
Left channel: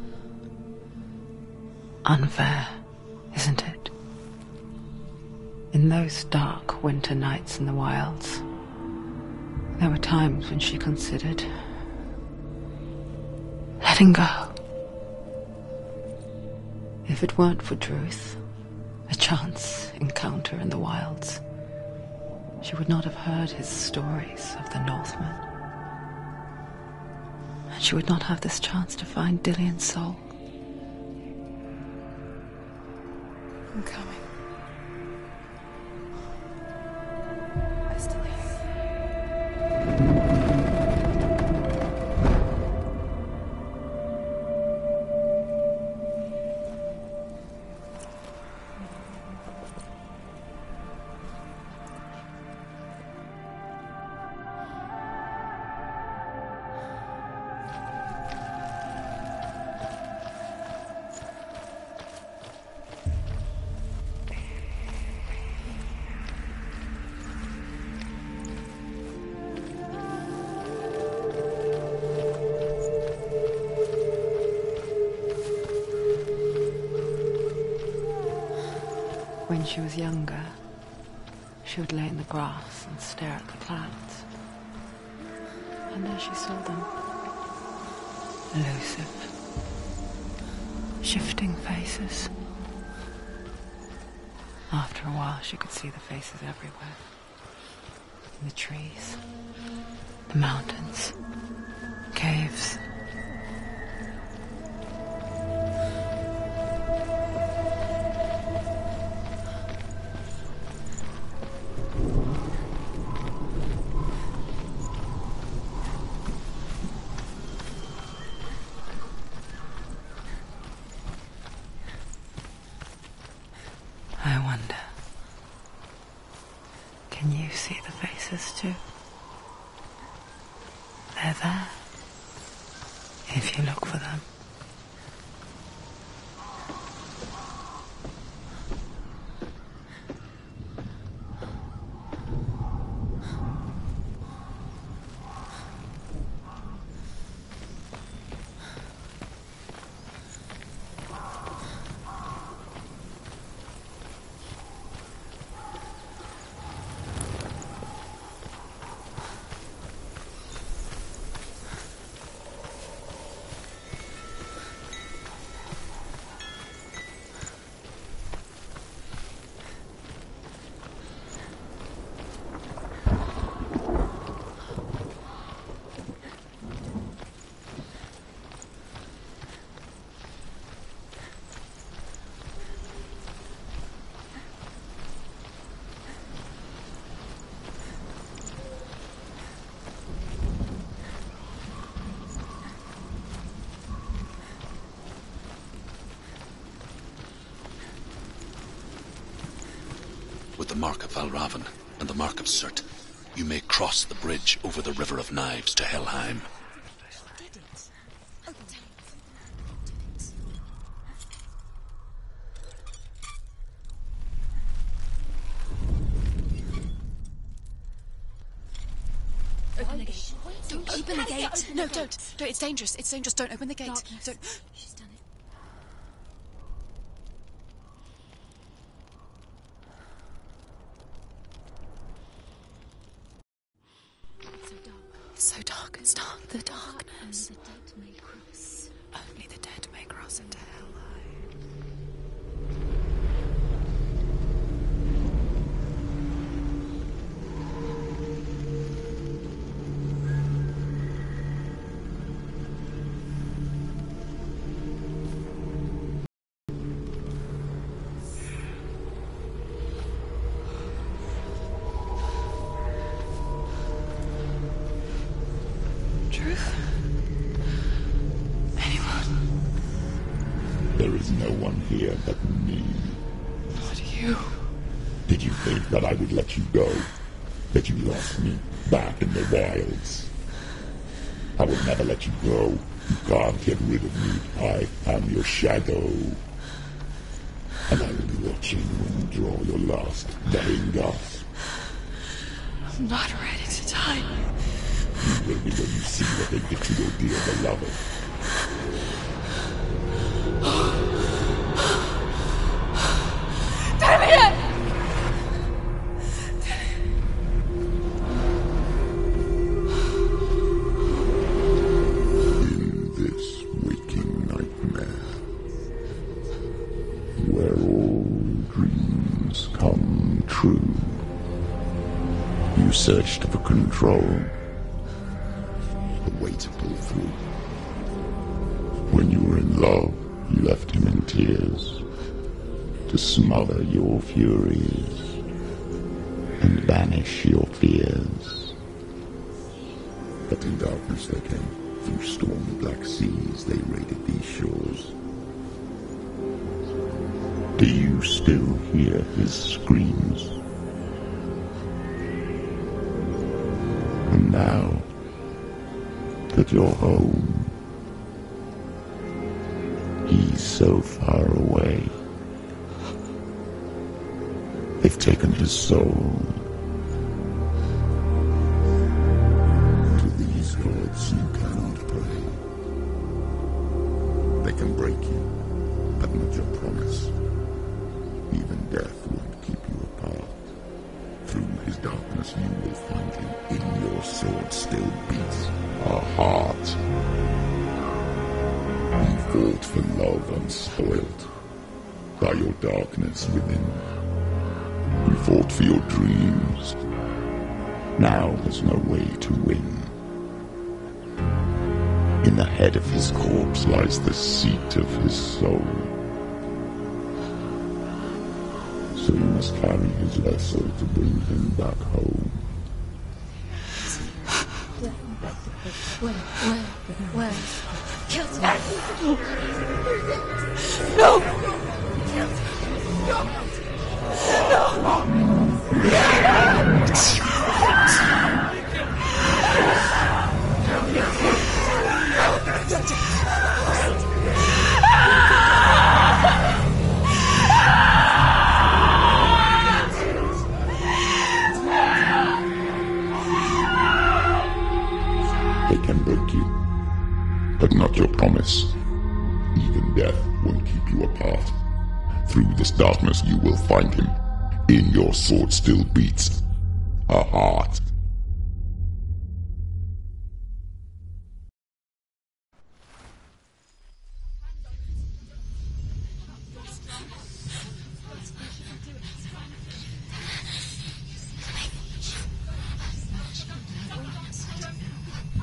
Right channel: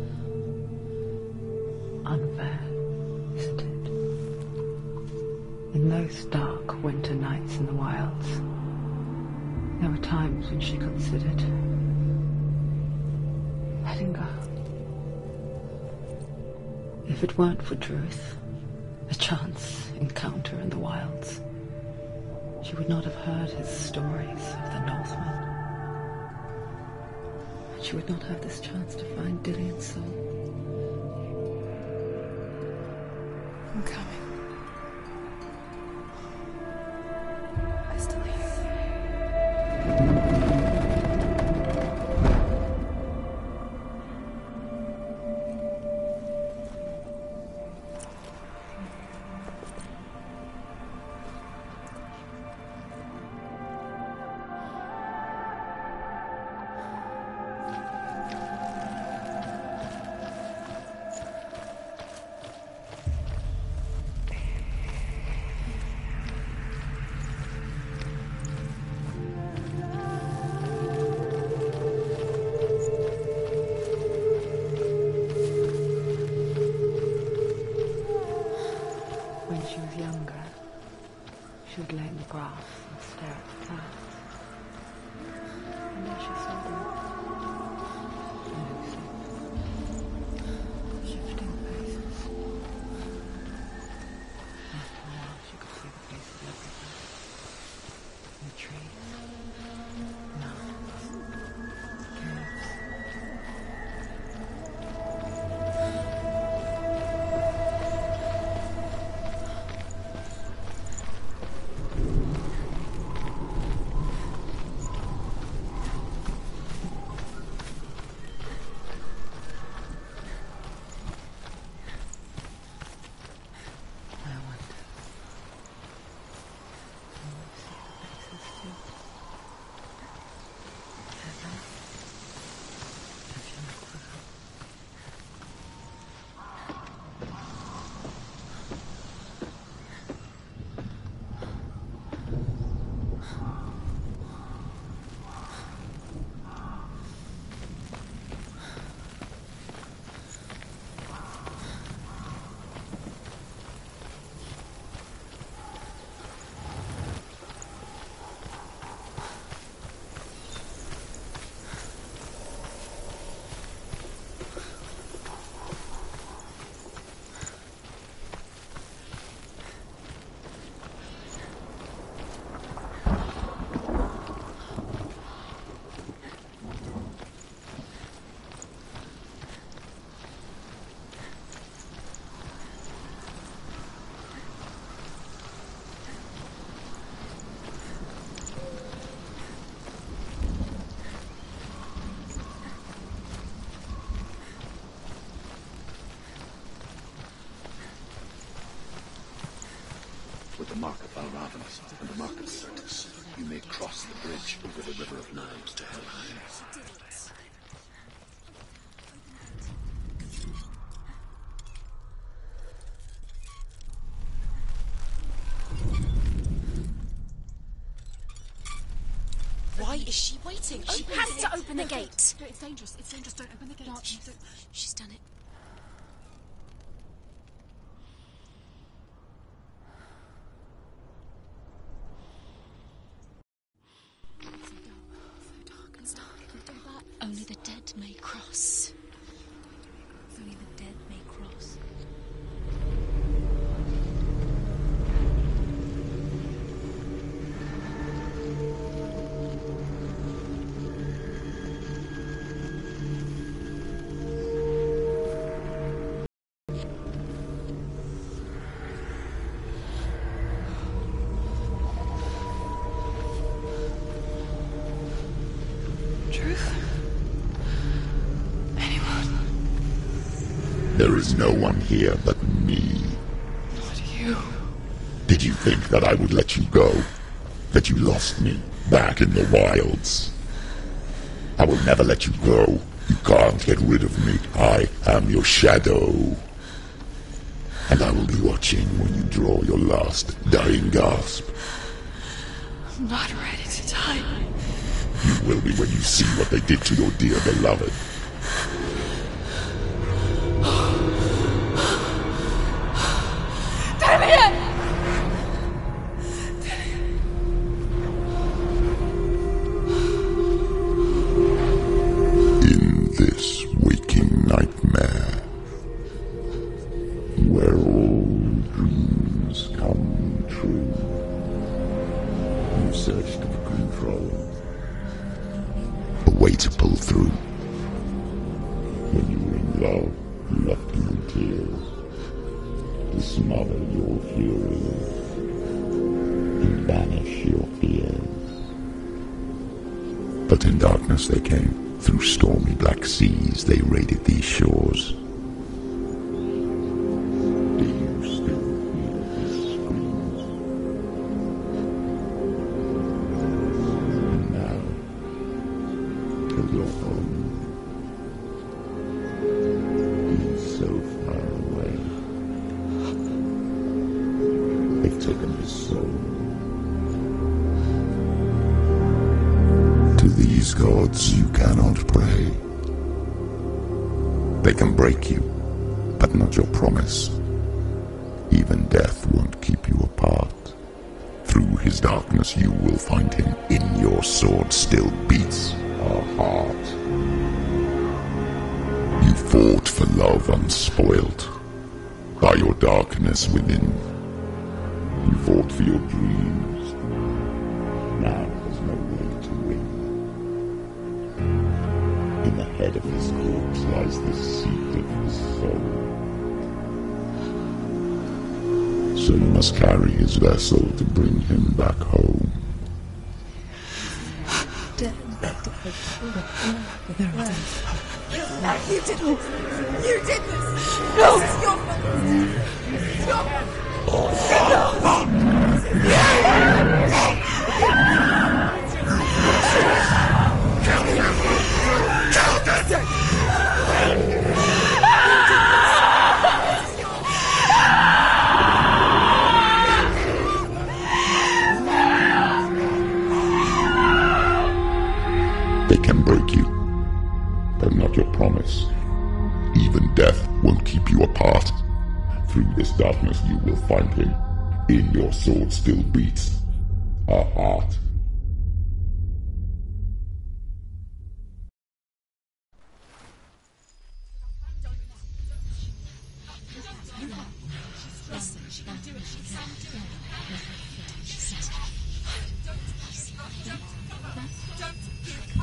Unfair, isn't it? In those dark winter nights in the wilds, there were times when she considered letting go. If it weren't for Druth, a chance encounter in the wilds, she would not have heard his stories of the Northmen. And she would not have this chance to find Dillion's soul. I'm coming. I still hear you. When she was younger, she would lay in the grass and stare at the clouds. And there she saw them. Elusive. Shifting faces. After a while, she could see the faces everywhere. In the trees, the mountains, caves. I wonder, can you see the faces too? They're there, if you look for them. With the Mark of Valravan and the Mark of Surt, you may cross the bridge over the River of Knives to Helheim. Why is she waiting? Open the gate. Open the gate. No, it's dangerous. It's dangerous. Don't open the gate. Don't. She's done it. So dark. It's dark. The dark. Only the dead may cross. Only the dead may cross Only into the dead may cross. Truth? Anyone? There is no one here but me. Not you. Did you think that I would let you go? That you lost me back in the wilds? I will never let you go. You can't get rid of me. I am your shadow. And I will be watching when you draw your last dying gasp. I'm not ready to die. You will be when you see what they did to your dear beloved. In this waking nightmare, where all dreams come true, you searched for control. A way to pull through. When you were in love, you left him in tears to smother your furies and banish your fears. But in darkness they came. Through stormy black seas they raided these shores. Do you still hear his screams? And now that you're home, he's so far away. They've taken his soul. To these gods you cannot pray. They can break you, but not your promise. Even death won't keep you apart. Through his darkness you will find him. In your sword still beats a heart. You fought for love unspoilt by your darkness within. You fought for your dreams. Now there's no way to win. In the head of his corpse lies the seat of his soul. So you must carry his vessel to bring him back home. You did this! No! They can break you, but not your promise. Even death won't keep you apart. Through this darkness you will find him. In your sword still beats a heart.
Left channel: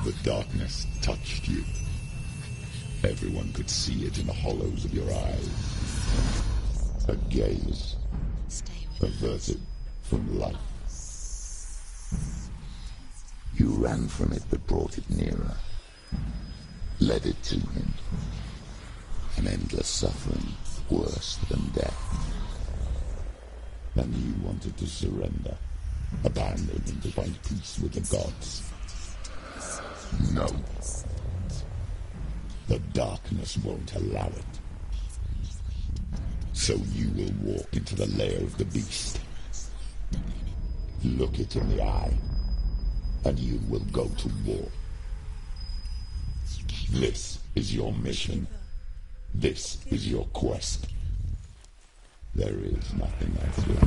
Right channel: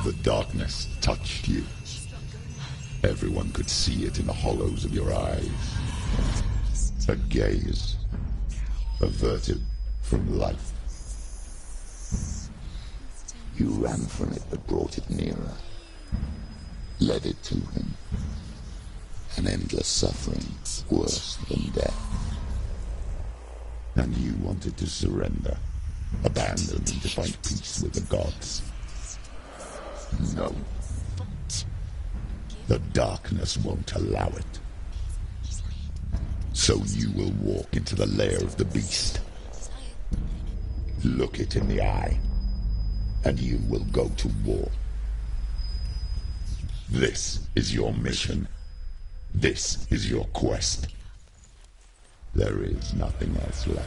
The darkness touched you. Everyone could see it in the hollows of your eyes. A gaze averted from life. You ran from it but brought it nearer, led it to him. An endless suffering worse than death. And you wanted to surrender, abandon and to find peace with the gods. No. The darkness won't allow it. So you will walk into the lair of the beast. Look it in the eye, and you will go to war. This is your mission. This is your quest. There is nothing else left.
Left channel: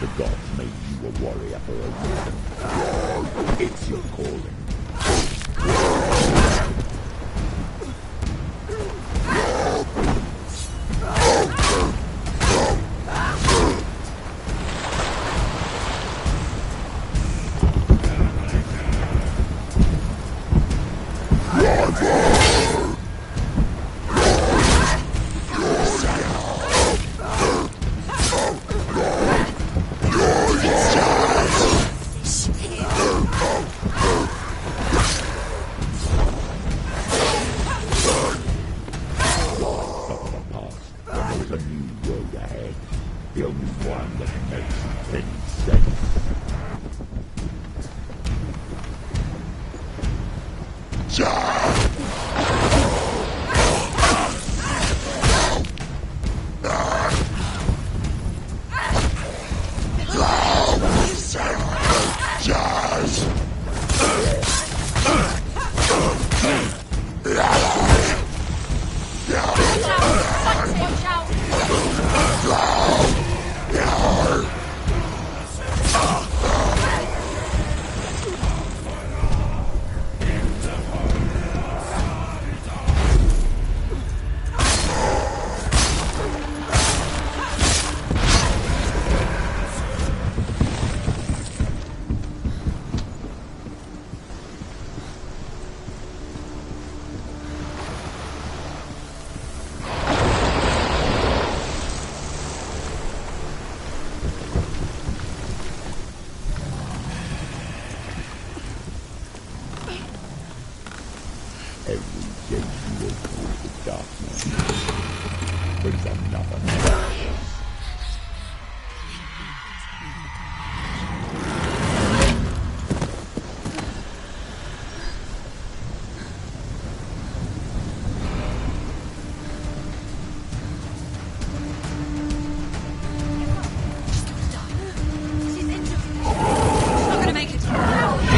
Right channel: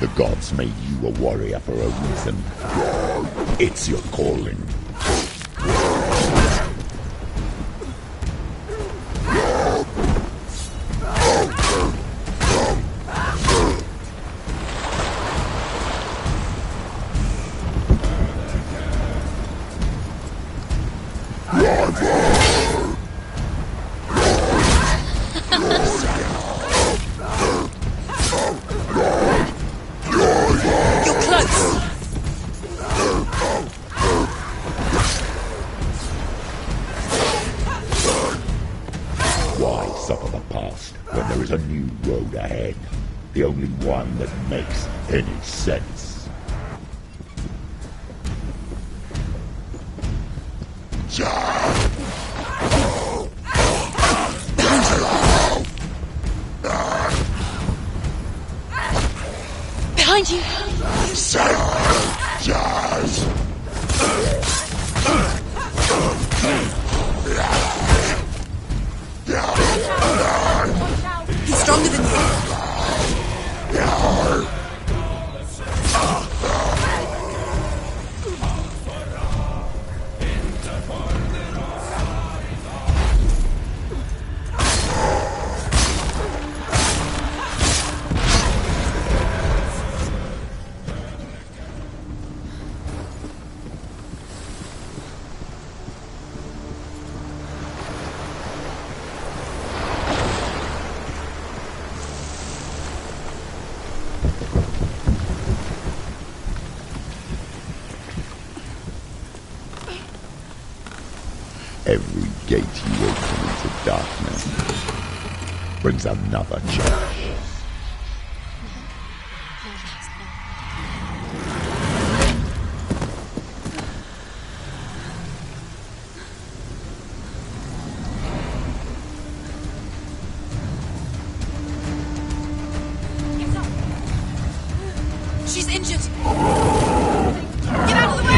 The gods made you a warrior for a reason. It's your calling. A new road ahead. The only one that makes any sense. Behind Every gate you open into darkness brings another change. She's injured. I'm gonna make it. Get out of the way!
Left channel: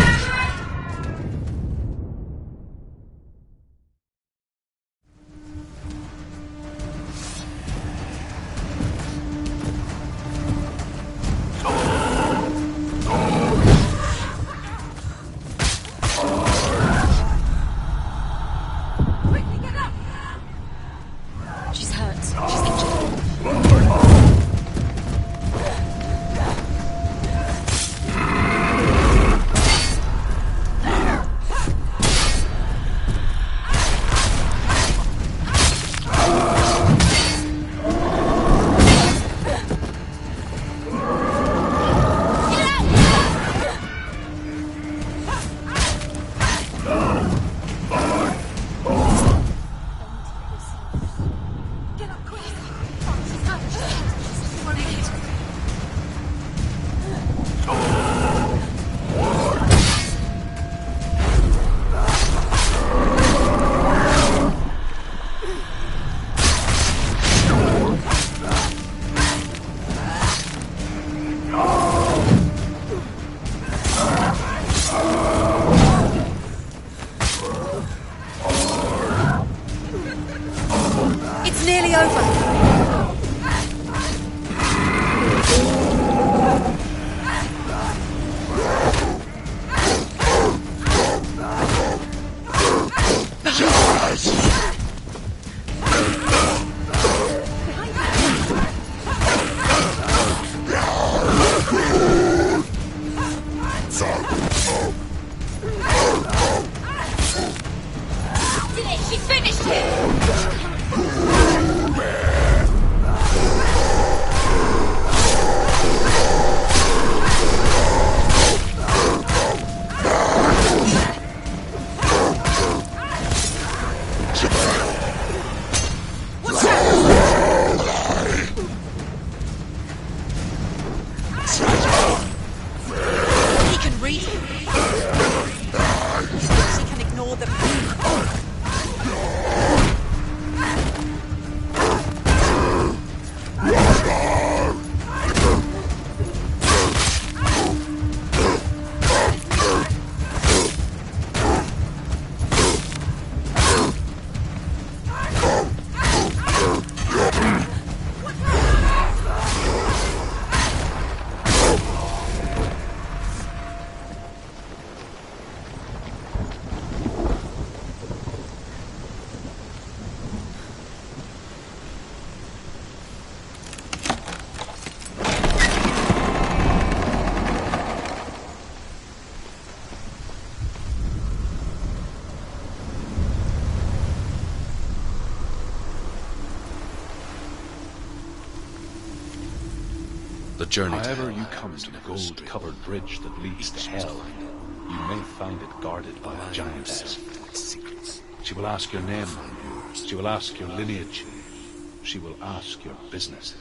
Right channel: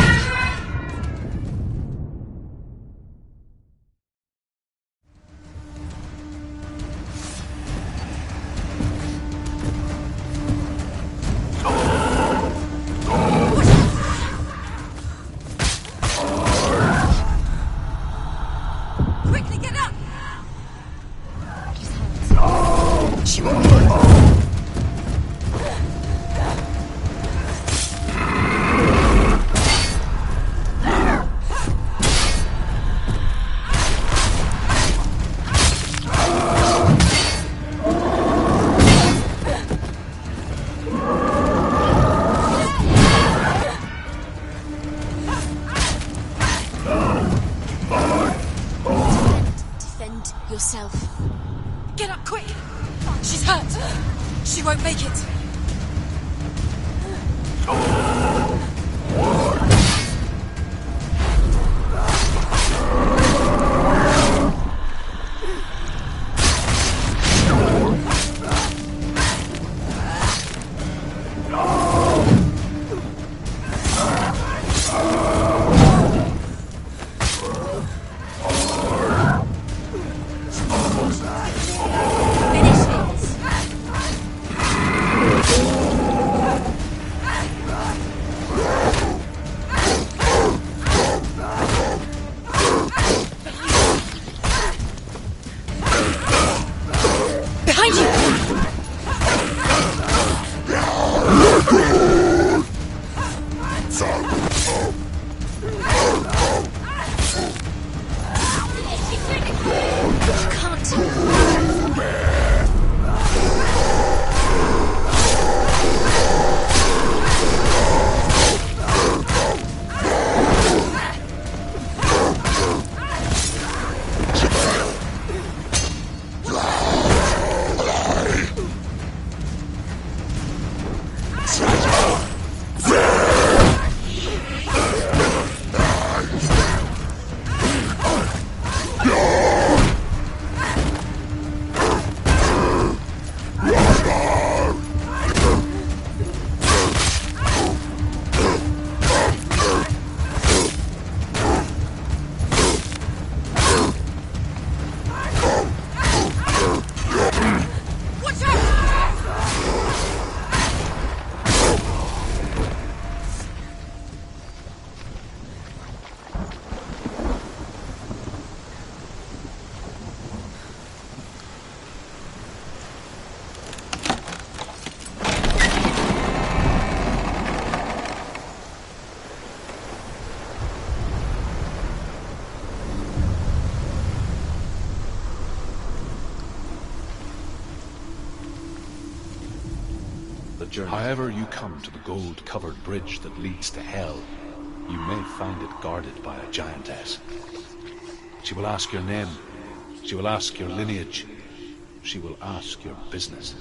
She finished it! However you come to the gold-covered bridge that leads to hell, you may find it guarded by a giantess. She will ask your name. She will ask your lineage. She will ask your business.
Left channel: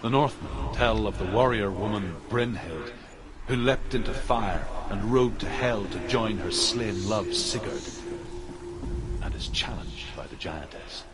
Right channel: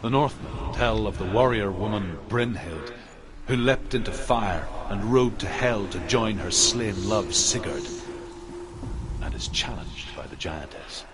The Northmen tell of the warrior woman Brynhild, who leapt into fire and rode to hell to join her slain love Sigurd, and is challenged by the giantess.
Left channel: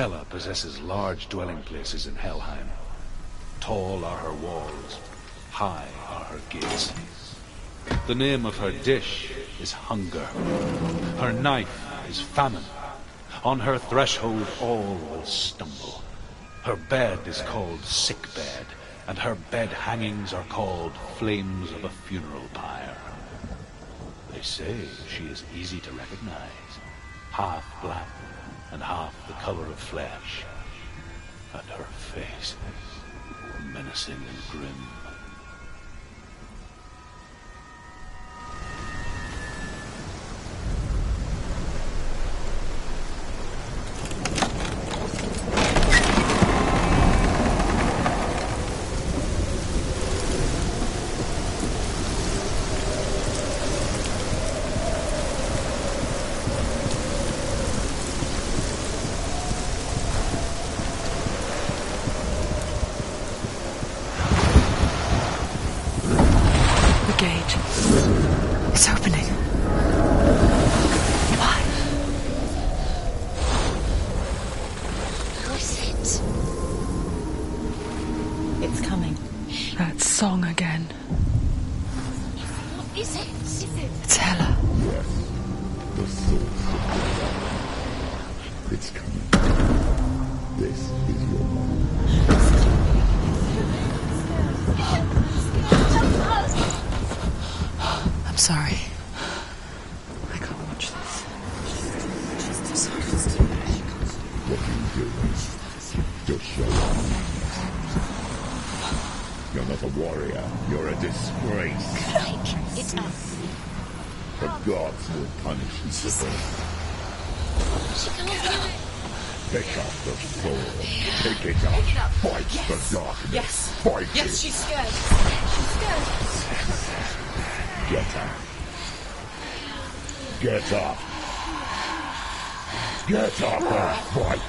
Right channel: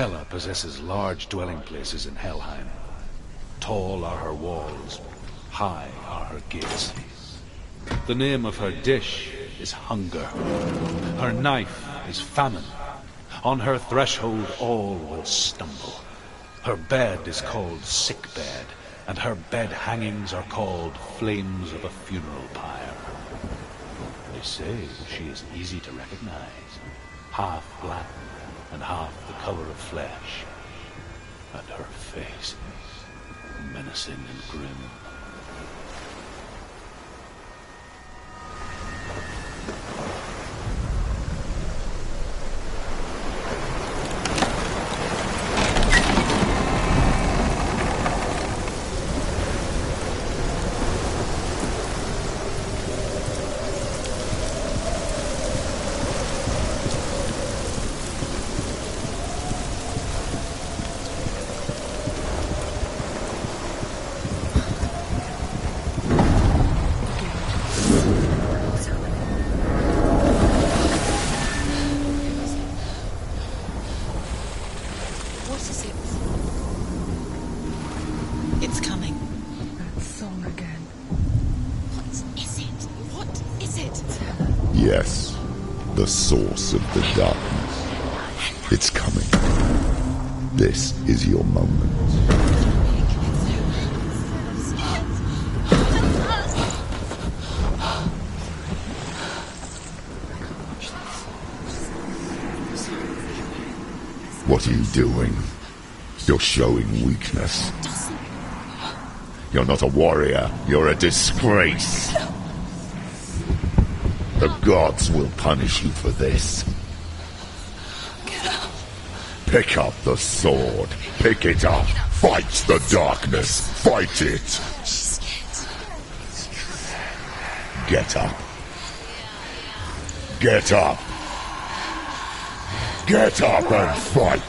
Hela possesses large dwelling places in Helheim. Tall are her walls, high are her gates. The name of her dish is hunger. Her knife is famine. On her threshold all will stumble. Her bed is called sick bed, and her bed hangings are called flames of a funeral pyre. They say she is easy to recognize, half black and half the color of flesh, and her face menacing and grim. Yes, the source of the darkness. It's coming. This is your moment. I'm sorry. I can't watch this. What are you doing? You're showing weakness. You're not a warrior. You're a disgrace. The gods will punish you for this. Pick up the sword. Pick it up. Fight the darkness. Fight it. Get up. Get up. Get up and fight.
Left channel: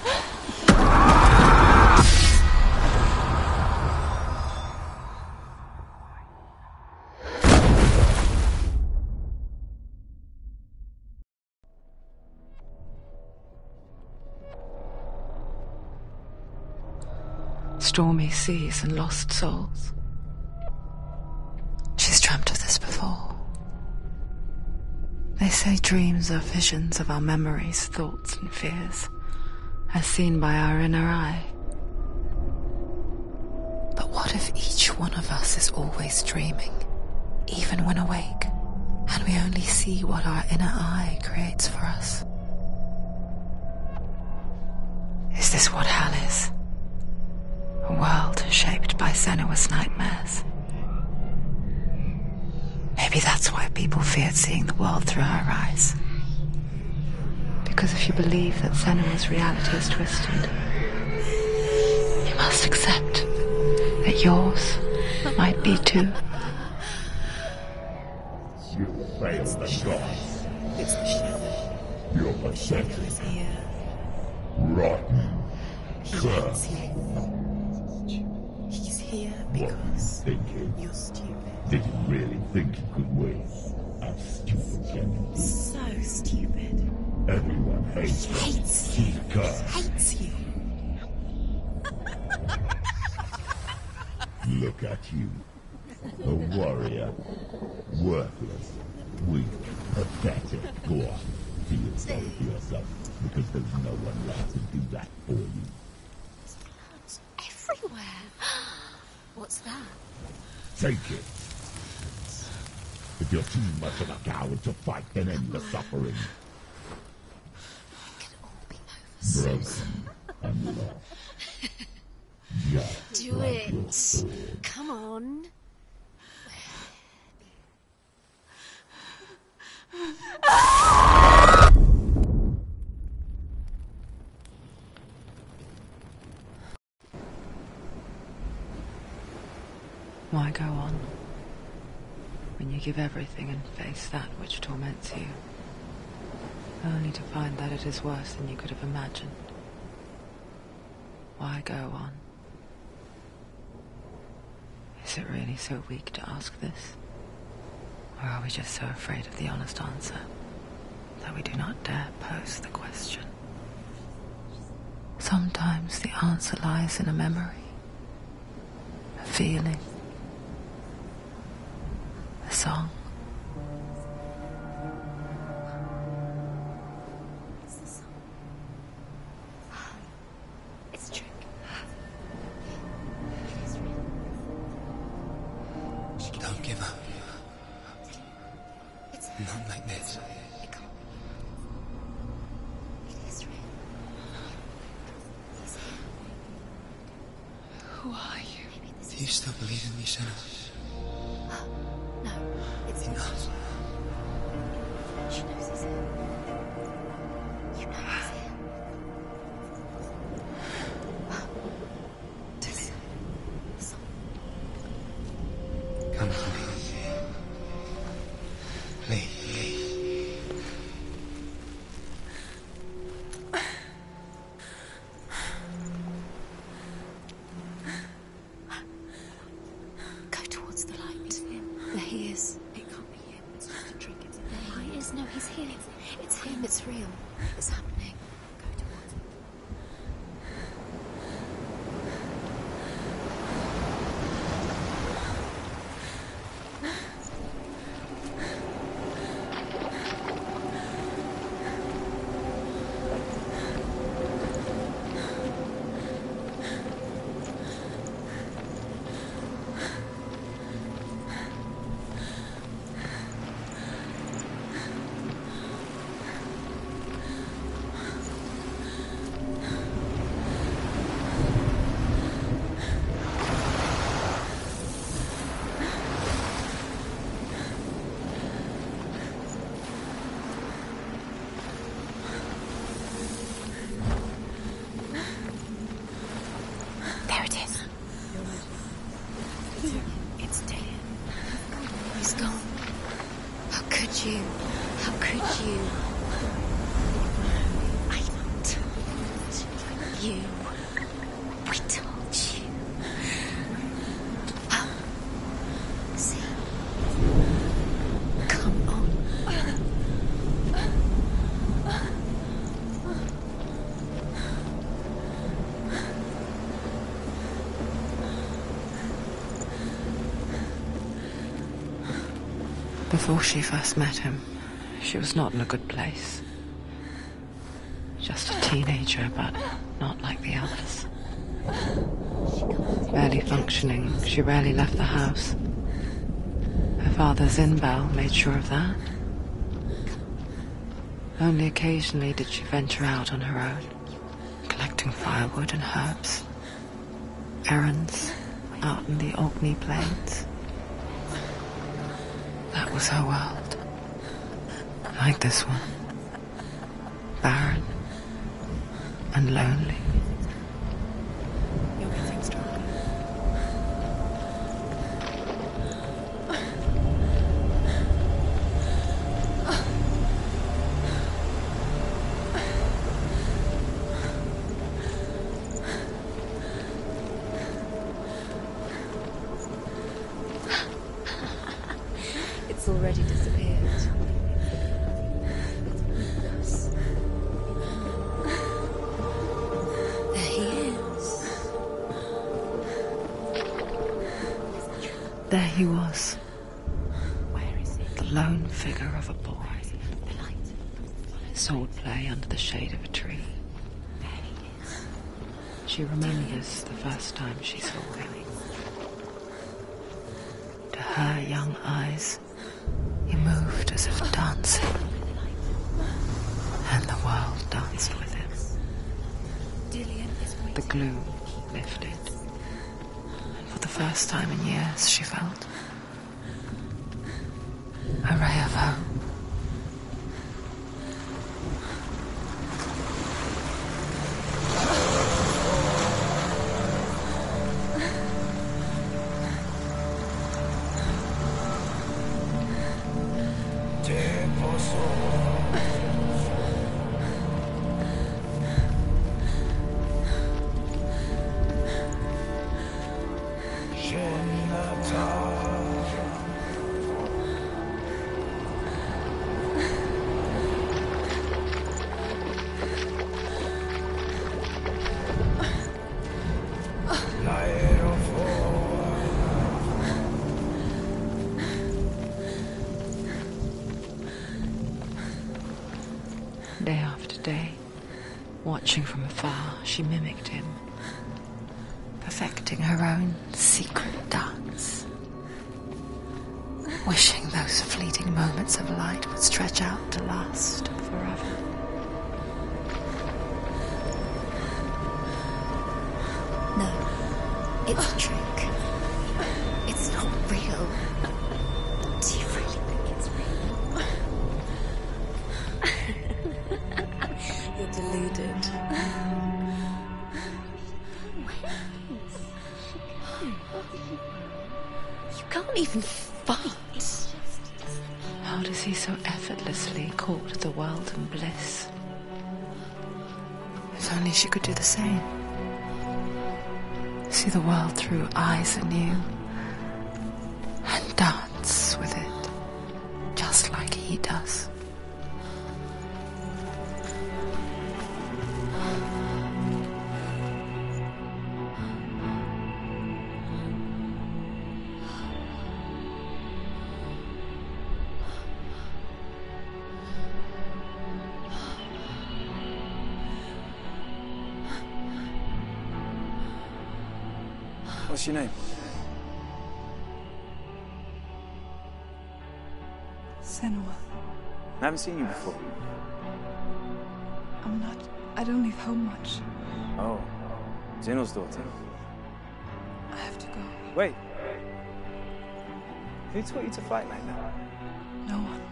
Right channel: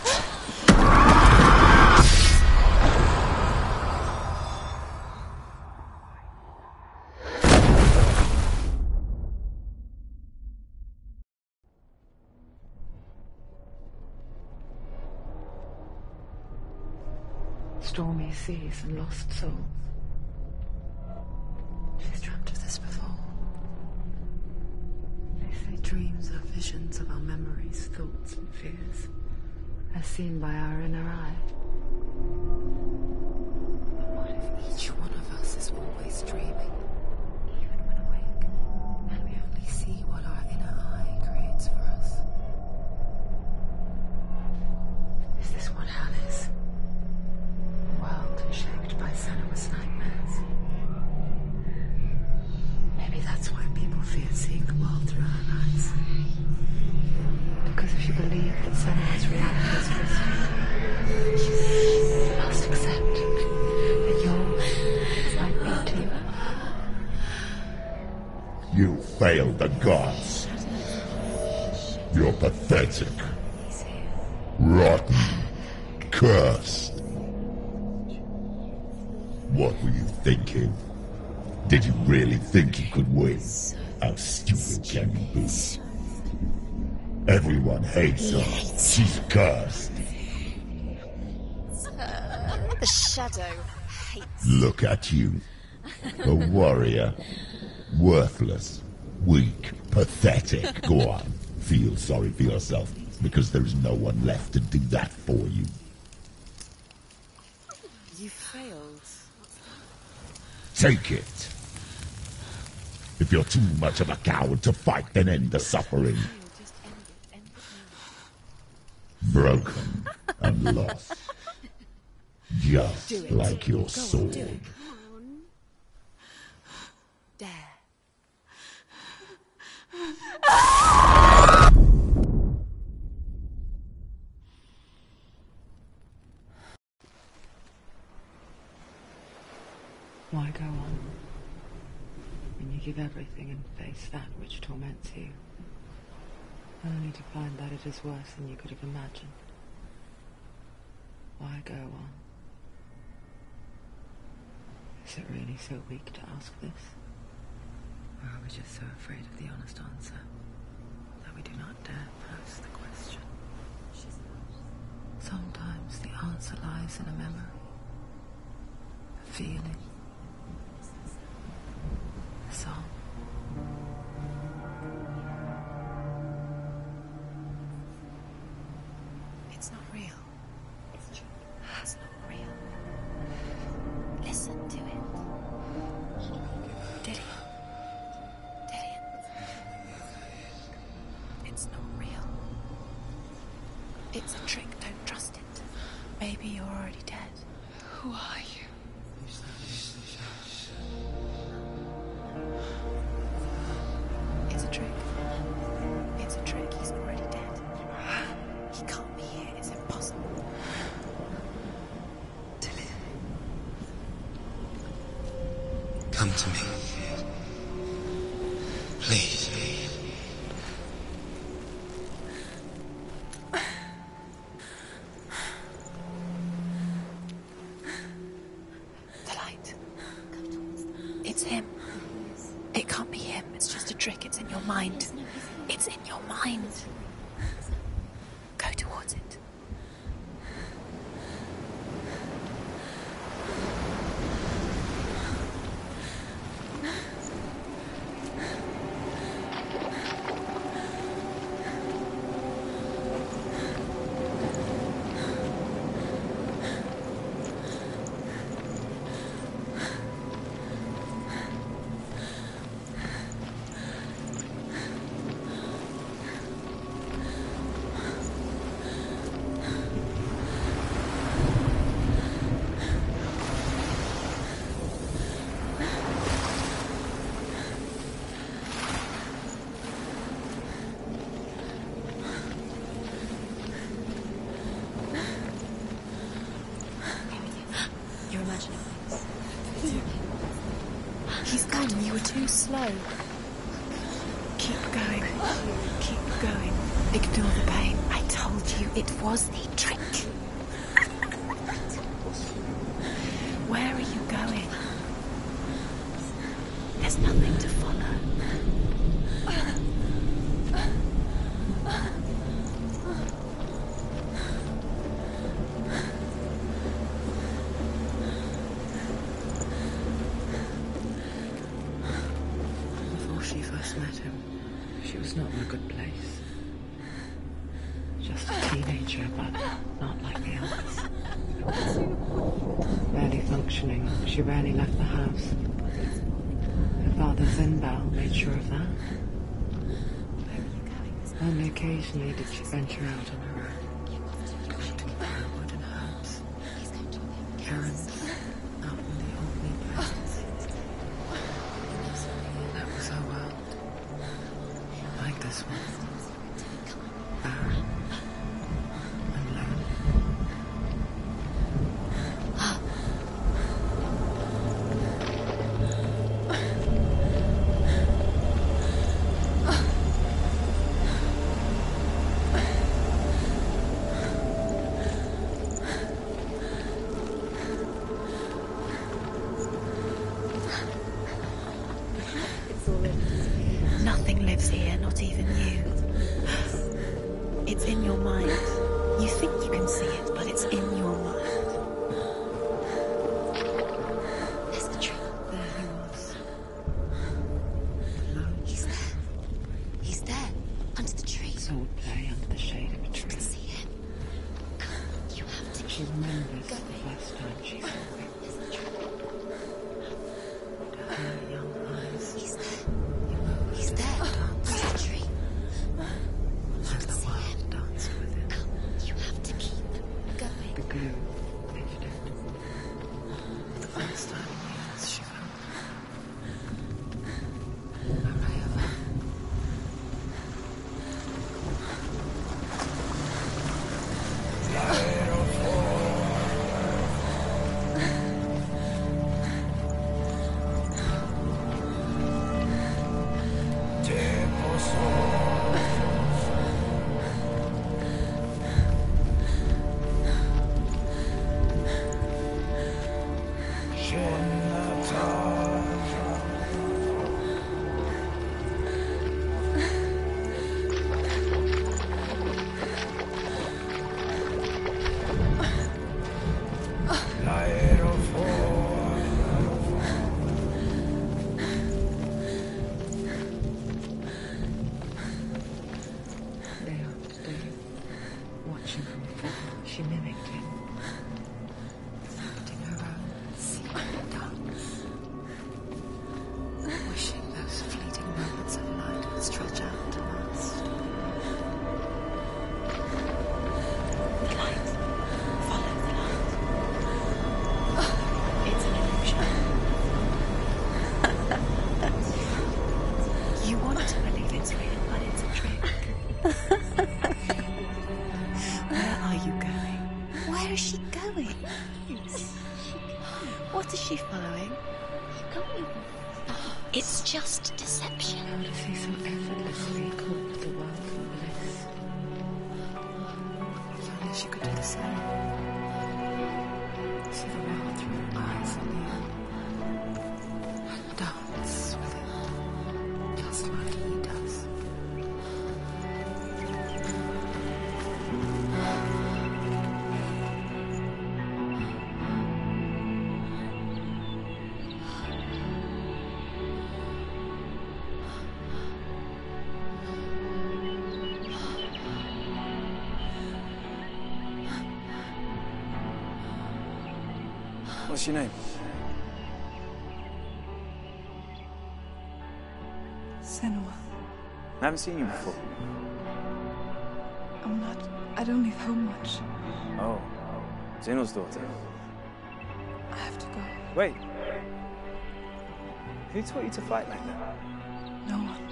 Stormy seas and lost souls. She's dreamt of this before. They say dreams are visions of our memories, thoughts and fears, as seen by our inner eye. But what if each one of us is always dreaming, even when awake, and we only see what our inner eye creates for us? Is this what hell is? A world shaped by Senua's nightmares. Maybe that's why people feared seeing the world through her eyes. Because if you believe that Senua's reality is twisted, you must accept that yours might be too. You failed the gods. You're pathetic. Rotten. Cursed. What were you thinking? Did you really think you could win? How stupid can you be? So stupid. Everyone hates her. She's cursed. The shadow hates. Look at you. A warrior. Worthless. Weak. Pathetic. Go on. Feel sorry for yourself, because there is no one left to do that for you. Everywhere. What's that? Take it. If you're too much of a coward to fight, then end the suffering. Broken and lost. Just like your sword. Come on. There. Why go on when you give everything and face that which torments you, only to find that it is worse than you could have imagined? Why go on? Is it really so weak to ask this? Or are we just so afraid of the honest answer that we do not dare pose the question? Sometimes the answer lies in a memory, a feeling, a song. It's not real. It's a trick. It's not real. Listen to it. Don't give up. Daddy. Daddy, it's Not like this. It's not real. It's real. It's a trick. Don't trust it. Maybe you're already dead. Who are you? Do you still believe in yourself? No, it's not. It's a trick. It's a trick. He's already dead. He can't be here. It's impossible. Come to me. Please. The light. Go towards the light. It's him. There he is. It can't be him. It's just a trick. It's in your mind. Yes, no, he's here. It's in your mind. It's real. It's happening. Go towards it. There it is. You're imagining. It's dead. He's gone. You were too slow. How could you? Keep going. How could you? Keep going. Ignore the pain. I told you it was to trick you. I told you. Where are you going? See, there's nothing to follow. Come on. Before she first met him, she was not in a good place. Just a teenager, but not like the others. Barely functioning, she rarely left the house. Her father Zinbal made sure of that. Only occasionally did she venture out on her own, collecting firewood and herbs. Errands out in the Orkney Plains. That was her world. Like this one. Barren and lonely. It's already disappeared. Nothing lives here, not even you. It's in your mind. You think you can see it, but it's in your mind. There's the truth. There he was, Where is it? the lone figure of a boy. He's there, under the tree. Swordplay under the shade of a tree. See him. You have to. She remembers the first time she saw him. To her young eyes, he moved as if dancing, and the world danced with him. You have to keep Dillian, go away. The gloom lifted. For the first time in years, she felt a ray of hope. Watching from afar, she mimicked him, perfecting her own secret dance. Wishing those fleeting moments of light would stretch out to last forever. No, it's a trick. It's an illusion. It's not real. Do you really think it's real? You want to believe it's real, but it's a trick. You're deluded. Where are you going? Where is she going? What is she following? You can't even follow. It's just deception. How does he so effortlessly court the world and bliss? If only she could do the same. See the world through eyes anew and dance with it, just like he does. What's your name? Senua. I haven't seen you before. I don't leave home much. Oh, Zeno's daughter. I have to go. Wait. Who taught you to fight like that? No one.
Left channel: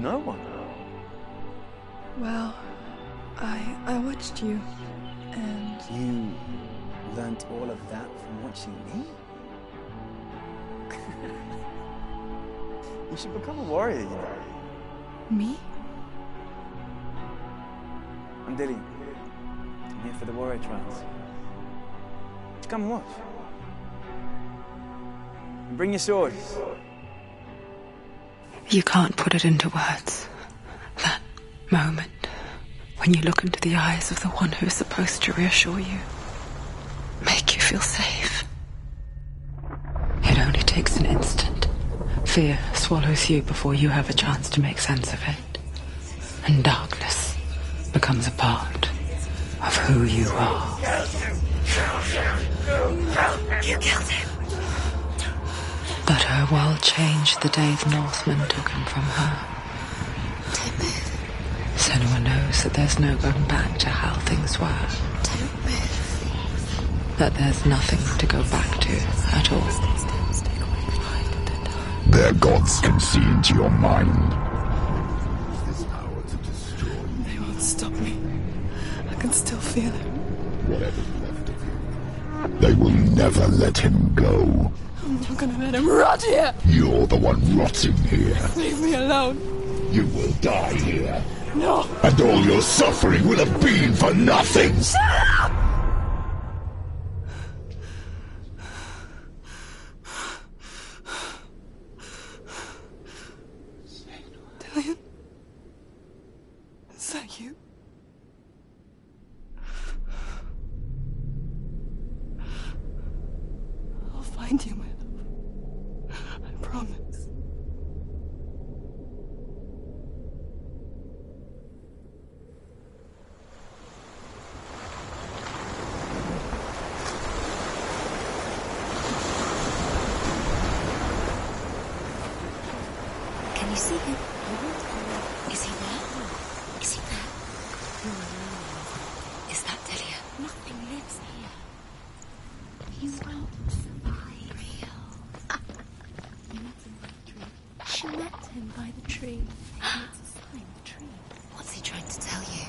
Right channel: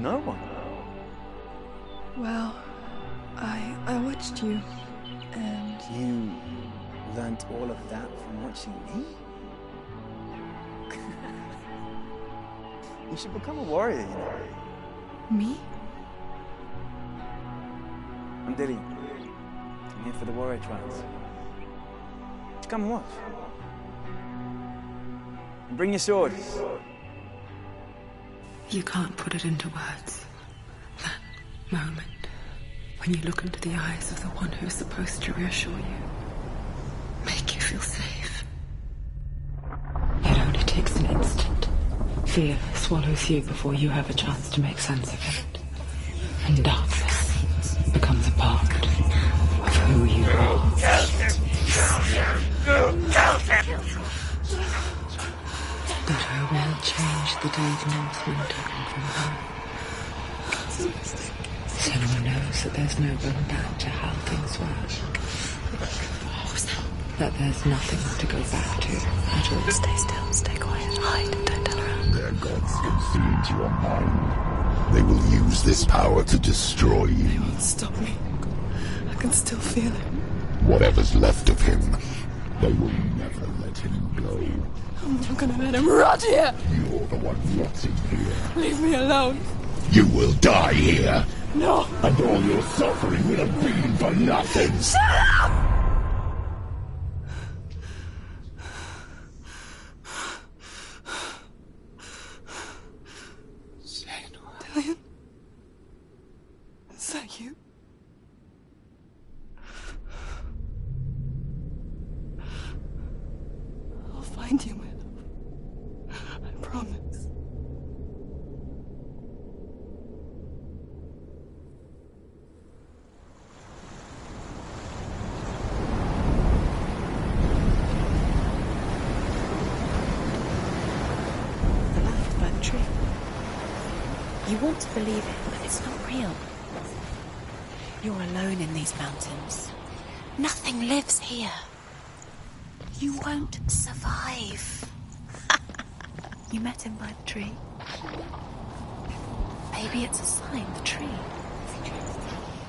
No one? Well, I watched you, and... You learnt all of that from watching me? You should become a warrior, you know. Me? I'm Dillian. I'm here for the warrior trials. Just come and watch. And bring your sword. You can't put it into words. That moment when you look into the eyes of the one who is supposed to reassure you, make you feel safe. It only takes an instant. Fear swallows you before you have a chance to make sense of it. And darkness becomes a part of who you are. You killed him. But her world changed the day the Northmen took him from her. Senua knows that there's no going back to how things were. That there's nothing to go back to at all. Stay still, stay quiet, hide, don't tell her. Their gods can see into your mind. They will use this power to destroy you. They won't stop me. I can still feel him. Whatever's left of him, they will never let him go. I'm not gonna let him rot here. You're the one rotting here. Leave me alone. You will die here. No. And all your suffering will have been for nothing. Shut up! Dillian? Is that you? I'll find you, my love. I promise. Can you see him? You want to believe it. Is he not real? Is he there? You're alone in these mountains. Is that Dillian? Nothing lives here. You won't survive. You met him by the tree? She met him by the tree. Maybe it's a sign, the tree. What's he trying to tell you?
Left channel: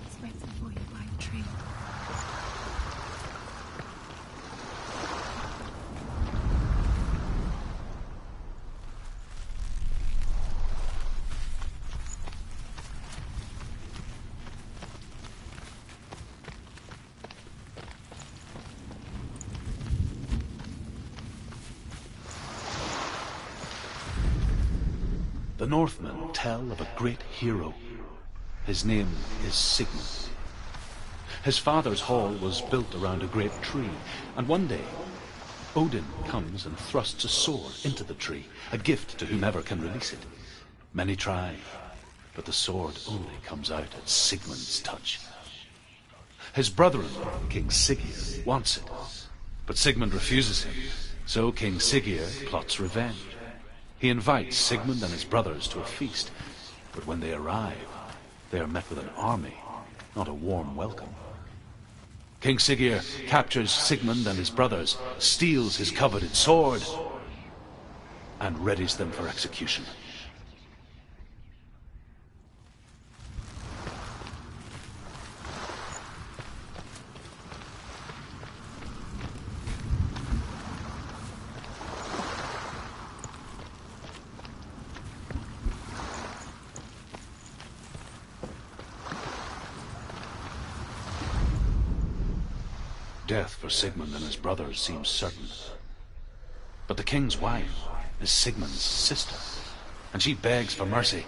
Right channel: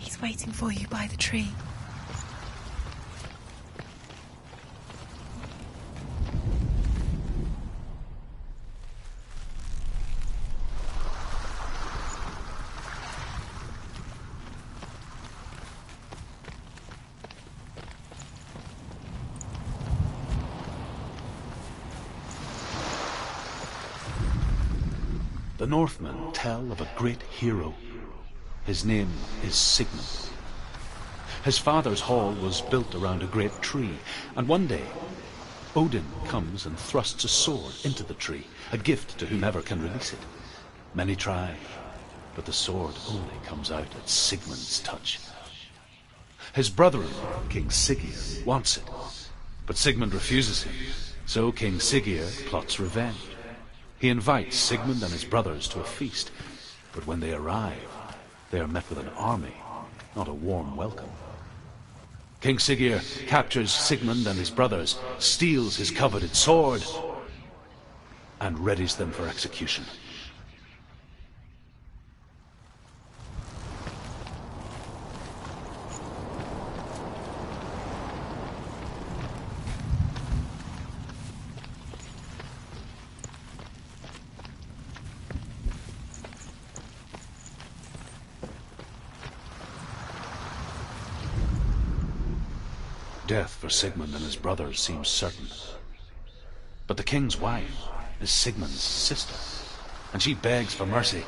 He's waiting for you by the tree. The Northmen tell of a great hero. His name is Sigmund. His father's hall was built around a great tree, and one day, Odin comes and thrusts a sword into the tree, a gift to whomever can release it. Many try, but the sword only comes out at Sigmund's touch. His brother-in-law, King Siggeir, wants it, but Sigmund refuses him, so King Siggeir plots revenge. He invites Sigmund and his brothers to a feast, but when they arrive, they are met with an army, not a warm welcome. King Siggeir captures Sigmund and his brothers, steals his coveted sword, and readies them for execution. Death for Sigmund and his brothers seems certain. But the king's wife is Sigmund's sister, and she begs for mercy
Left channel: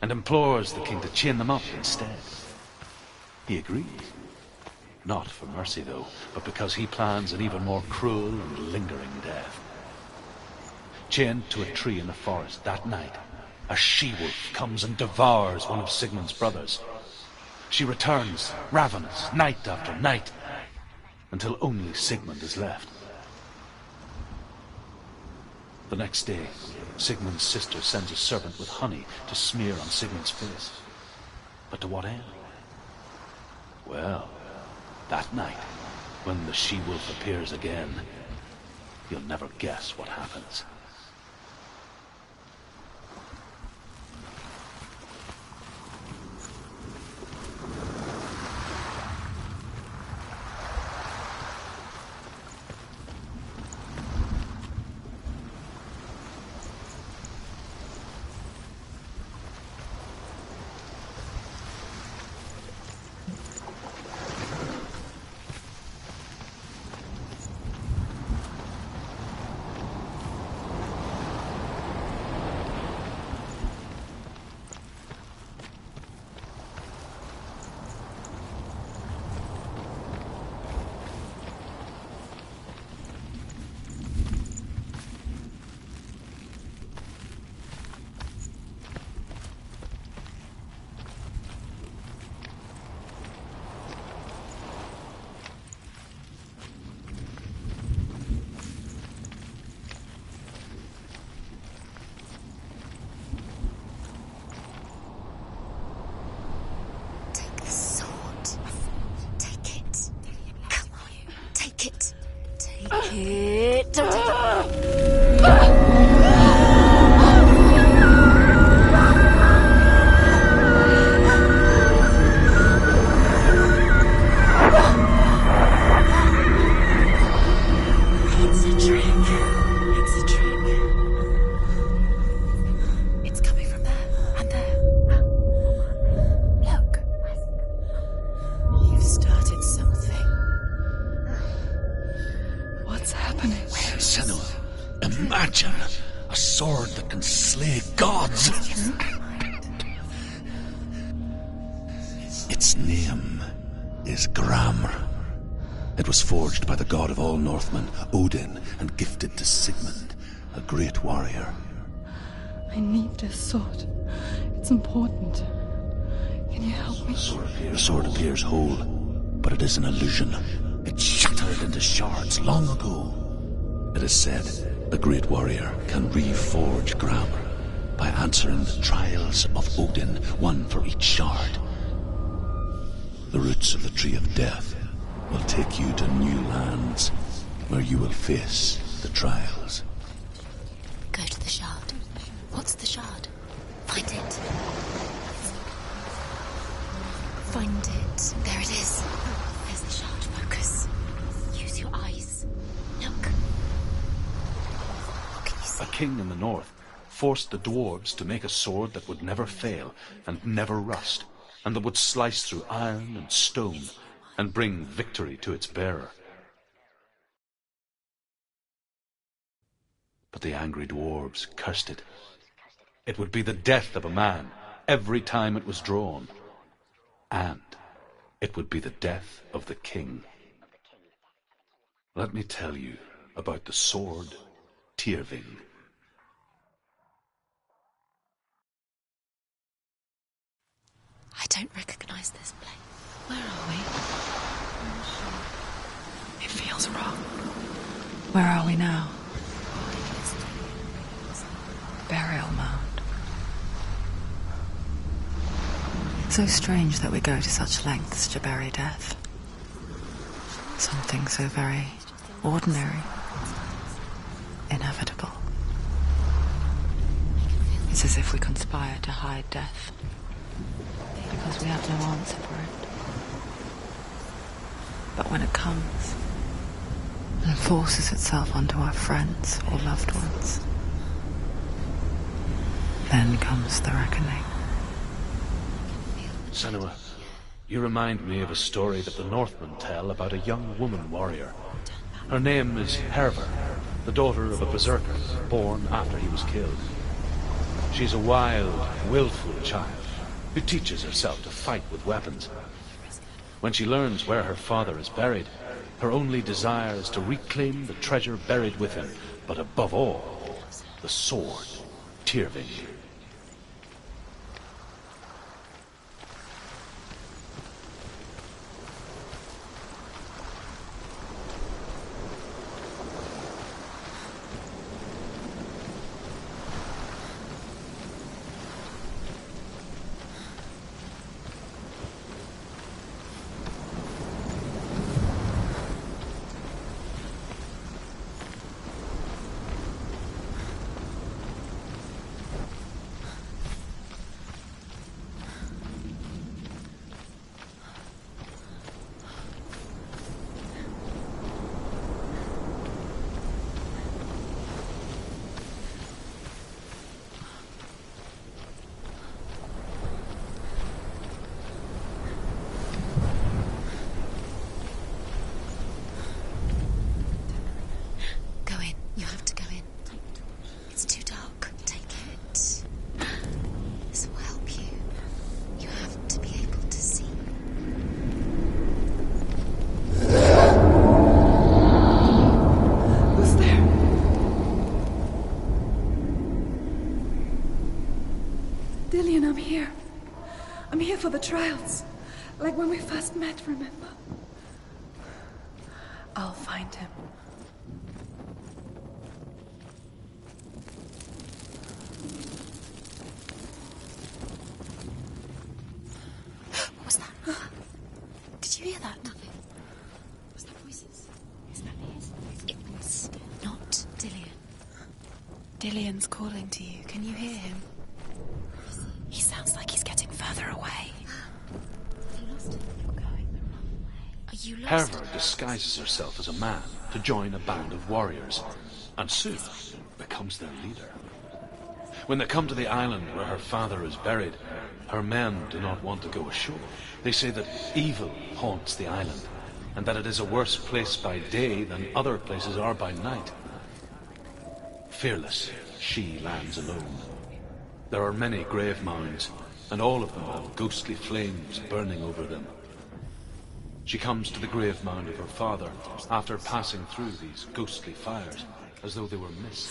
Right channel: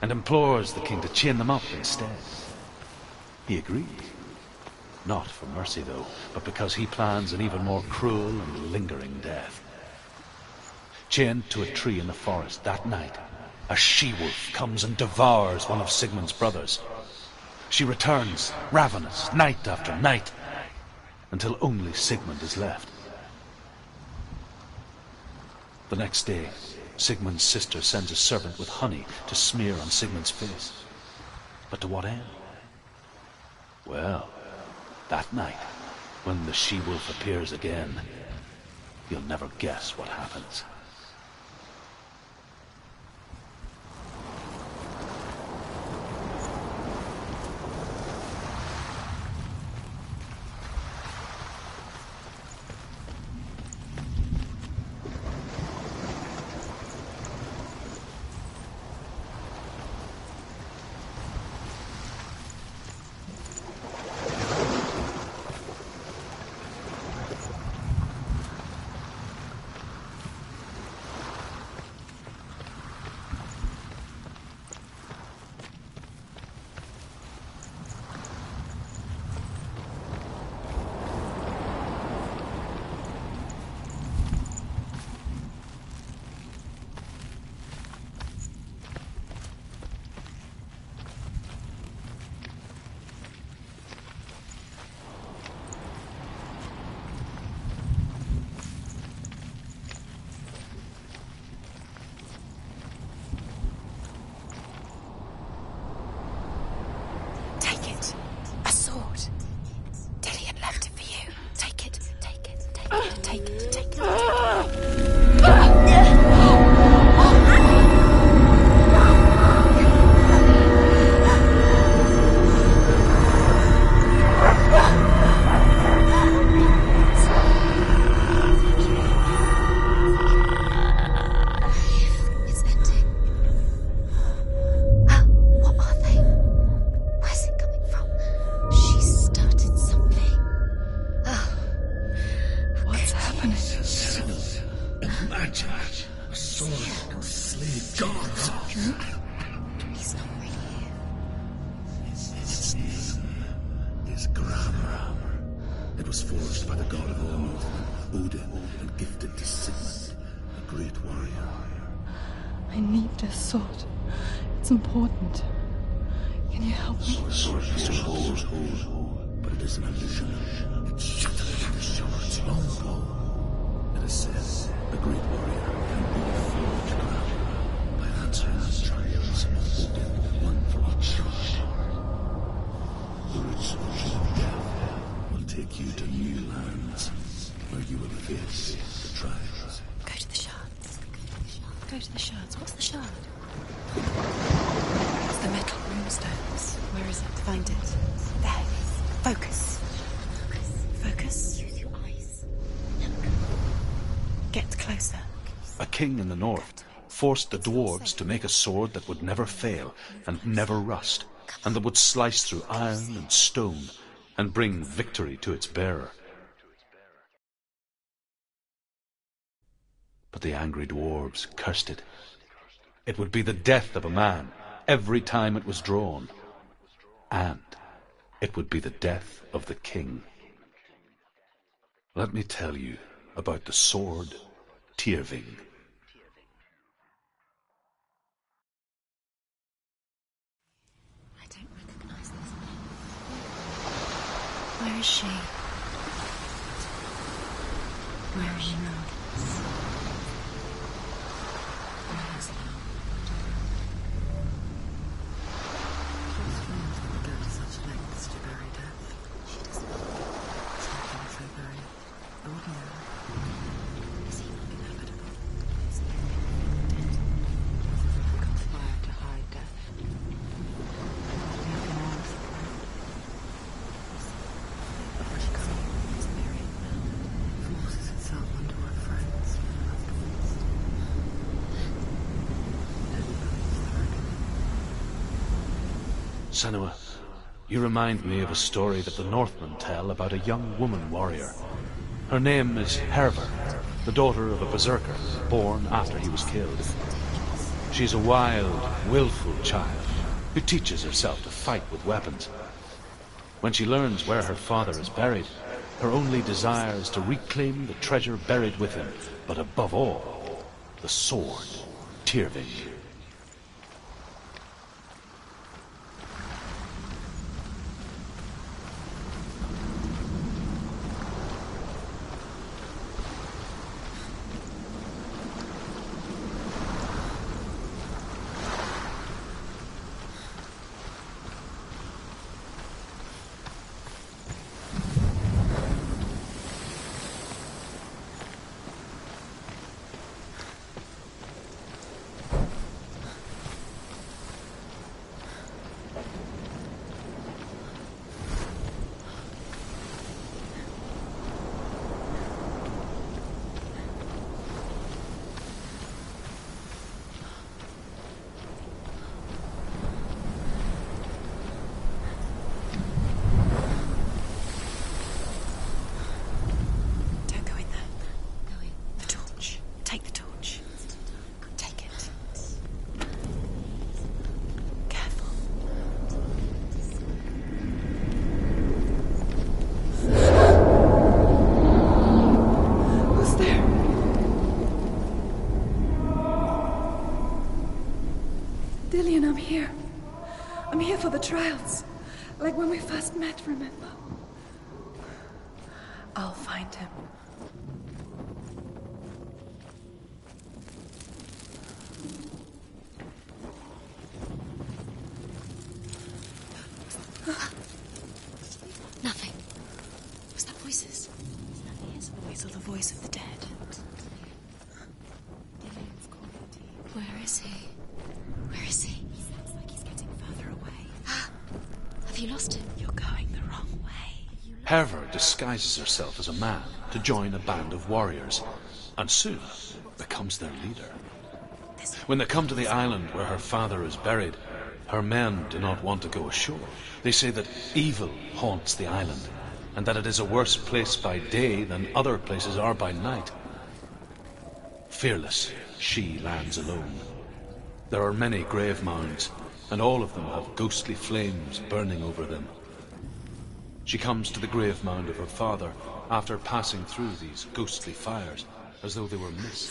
and implores the king to chain them up instead. He agrees. Not for mercy, though, but because he plans an even more cruel and lingering death. Chained to a tree in the forest that night, a she-wolf comes and devours one of Sigmund's brothers. She returns, ravenous, night after night, until only Sigmund is left. The next day, Sigmund's sister sends a servant with honey to smear on Sigmund's face. But to what end? Well, that night, when the she-wolf appears again, you'll never guess what happens. Imagine a sword that can slay gods. Its name is Gramr. It was forged by the god of all Northmen, Odin, and gifted to Sigmund, a great warrior. I need this sword. It's important. Can you help me? The sword appears whole, but it is an illusion. It shattered into shards long ago. It is said the great warrior can reforge Gramr by answering the trials of Odin, one for each shard. The roots of the Tree of Death will take you to new lands, where you will face the trials. Go to the shard. Go to the shard. Go to the shard. What's the shard? Find it. It's the metal runestones. Where is it? Find it. There it is. Focus. There's the shard. Focus. Focus. Use your eyes. Look. Get closer. What can you see? A king in the north forced the dwarves to make a sword that would never fail and never rust, and that would slice through iron and stone and bring victory to its bearer. But the angry dwarves cursed it. It would be the death of a man every time it was drawn, and it would be the death of the king. Let me tell you about the sword Tyrving. don't recognize this place. Where are we? Where is she? It feels wrong. Where are we now? Burial mound. So strange that we go to such lengths to bury death. Something so very ordinary, inevitable. It's as if we conspire to hide death, because we have no answer for it. But when it comes, and forces itself onto our friends or loved ones, then comes the reckoning. Senua, you remind me of a story that the Northmen tell about a young woman warrior. Her name is Herver, the daughter of a berserker, born after he was killed. She's a wild, willful child who teaches herself to fight with weapons. When she learns where her father is buried, her only desire is to reclaim the treasure buried with him, but above all, the sword, Tyrving. Dillian, I'm here. I'm here for the trials. Like when we first met, remember? I'll find him. What's that? Did you hear that? Nothing. Was that voices? Is that his voice or the voice of the dead? Not Dillian. Dillian's calling to you. Can you hear him? Where is he? He sounds like he's getting further away. Have you lost him? You're going the wrong way. Are you lost? Herver disguises herself as a man to join a band of warriors, and soon becomes their leader. When they come to the island where her father is buried, her men do not want to go ashore. They say that evil haunts the island, and that it is a worse place by day than other places are by night. Fearless, she lands alone. There are many grave mounds, and all of them have ghostly flames burning over them. She comes to the grave mound of her father after passing through these ghostly fires, as though they were mist.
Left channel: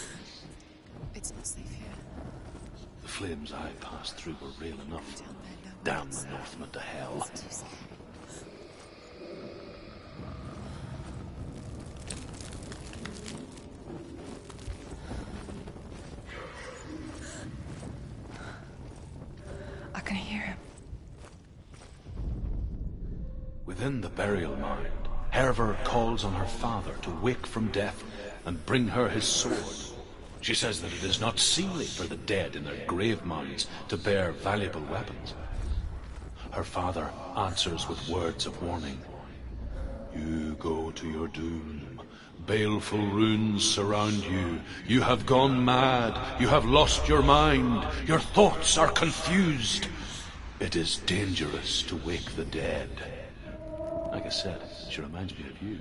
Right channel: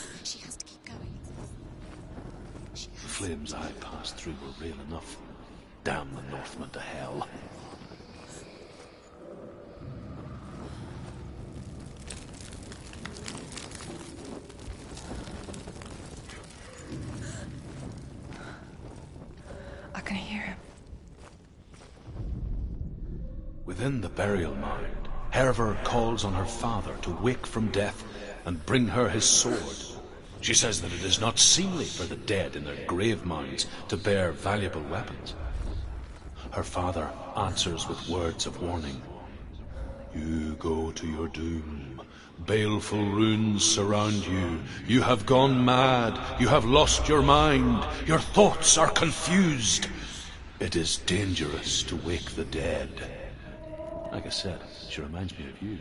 The flames I passed through were real enough. Damn the Northmen to hell. I can hear him. Within the burial mound, Herver calls on her father to wake from death and bring her his sword. She says that it is not seemly for the dead in their grave mounds to bear valuable weapons. Her father answers with words of warning. You go to your doom. Baleful runes surround you. You have gone mad. You have lost your mind. Your thoughts are confused. It is dangerous to wake the dead. Like I said, she reminds me of you.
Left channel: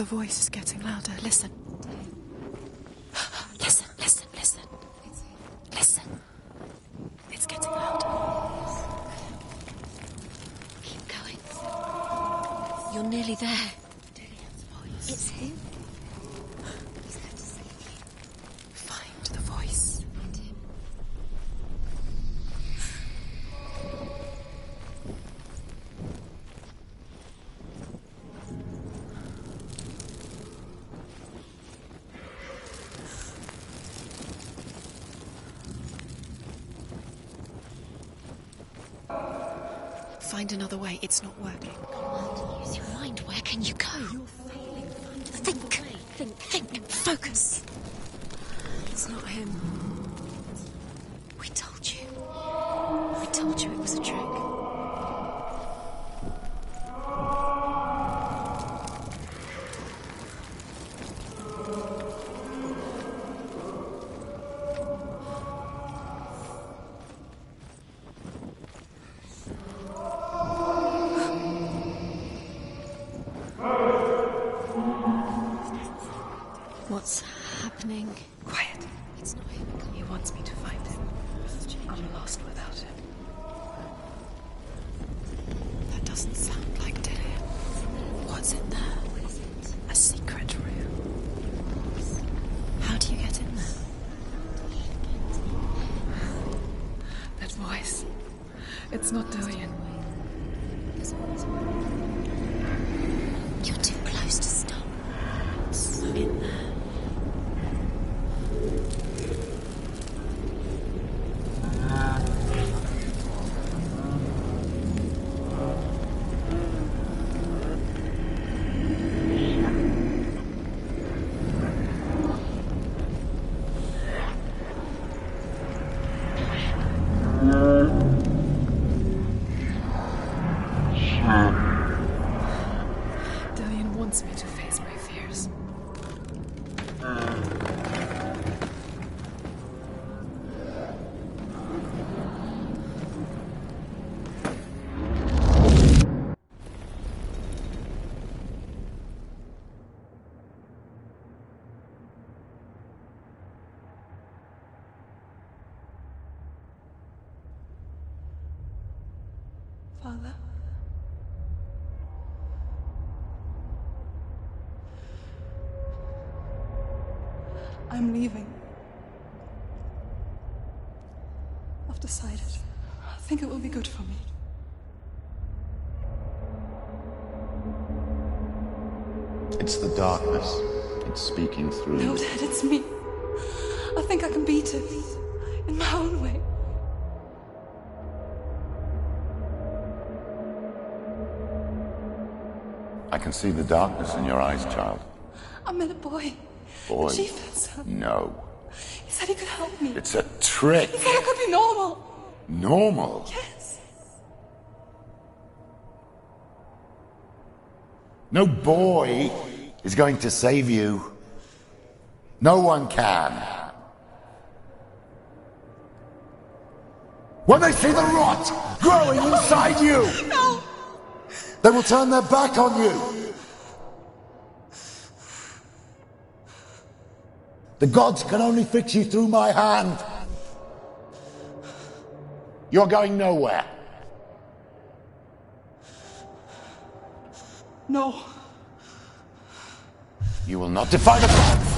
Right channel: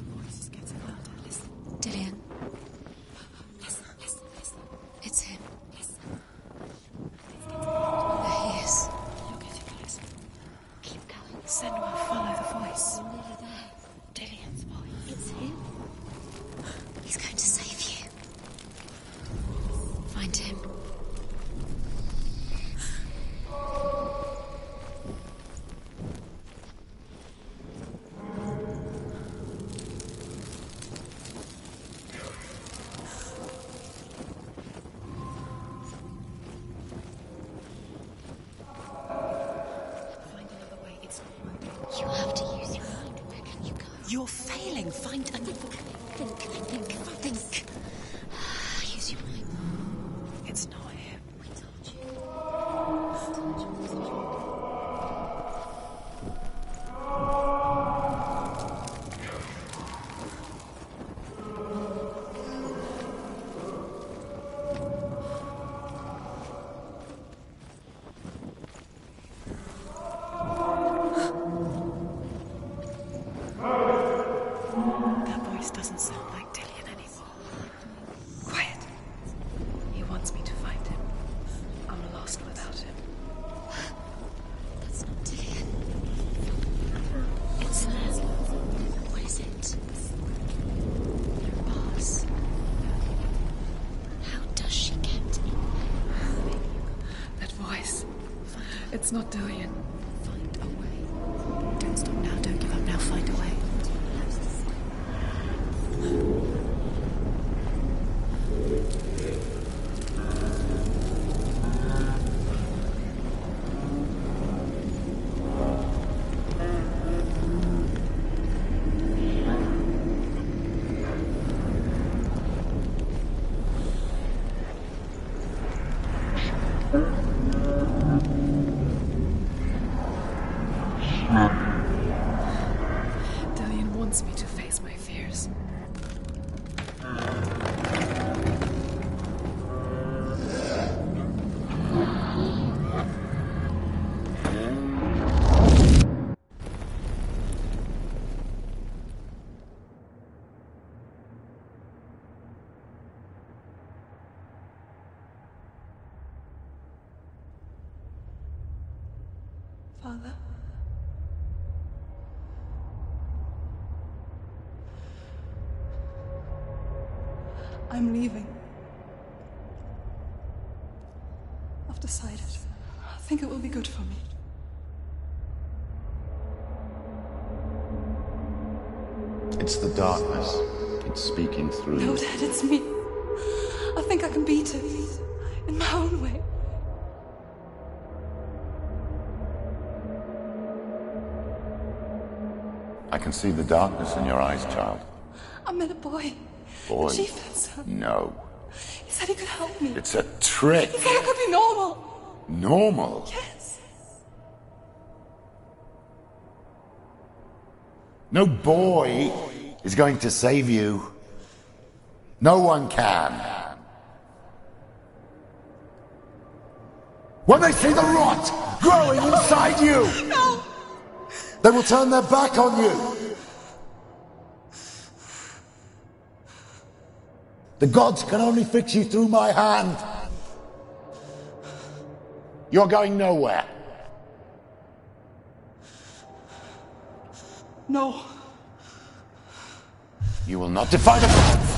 The voice is getting louder. Listen. Dillian. Listen, listen, listen. It's him. Listen. It's getting louder. There he is. Keep going. Senua, follow the voice. You're nearly there. Dillian's voice. It's him. He's going to save you. Find the voice. Find him. Find another way. It's not working. You have to use your mind. Where can you go? You're failing. Find another way. Think. Focus. He's not him. It's not him. We told you. We told you it was a trick. What's happening? Quiet. It's not him. He wants me to find him. I'm lost without him. That's not Dillian. That doesn't sound like Dillian. It's there. What's in there? What is it? A secret room. Bars. How do you get in there? How does she get in there? That voice. It's not Dillian. Don't stop now. Don't do it now. Find a way. You're too close to stop. I'm in there. Dillian wants me to face my fears. Father? I'm leaving. I've decided. I think it will be good for me. It's the darkness. It's speaking through No, you. Dad, it's me. I think I can beat it. In my own way. I can see the darkness in your eyes, child. I met a boy. Boy. The chief said so. No. He said he could help me. It's a trick. He said I could be normal. Normal? Yes. No boy is going to save you. No one can. When they see the rot growing inside you, No. they will turn their back on you. The gods can only fix you through my hand. You're going nowhere. No. You will not defy the gods.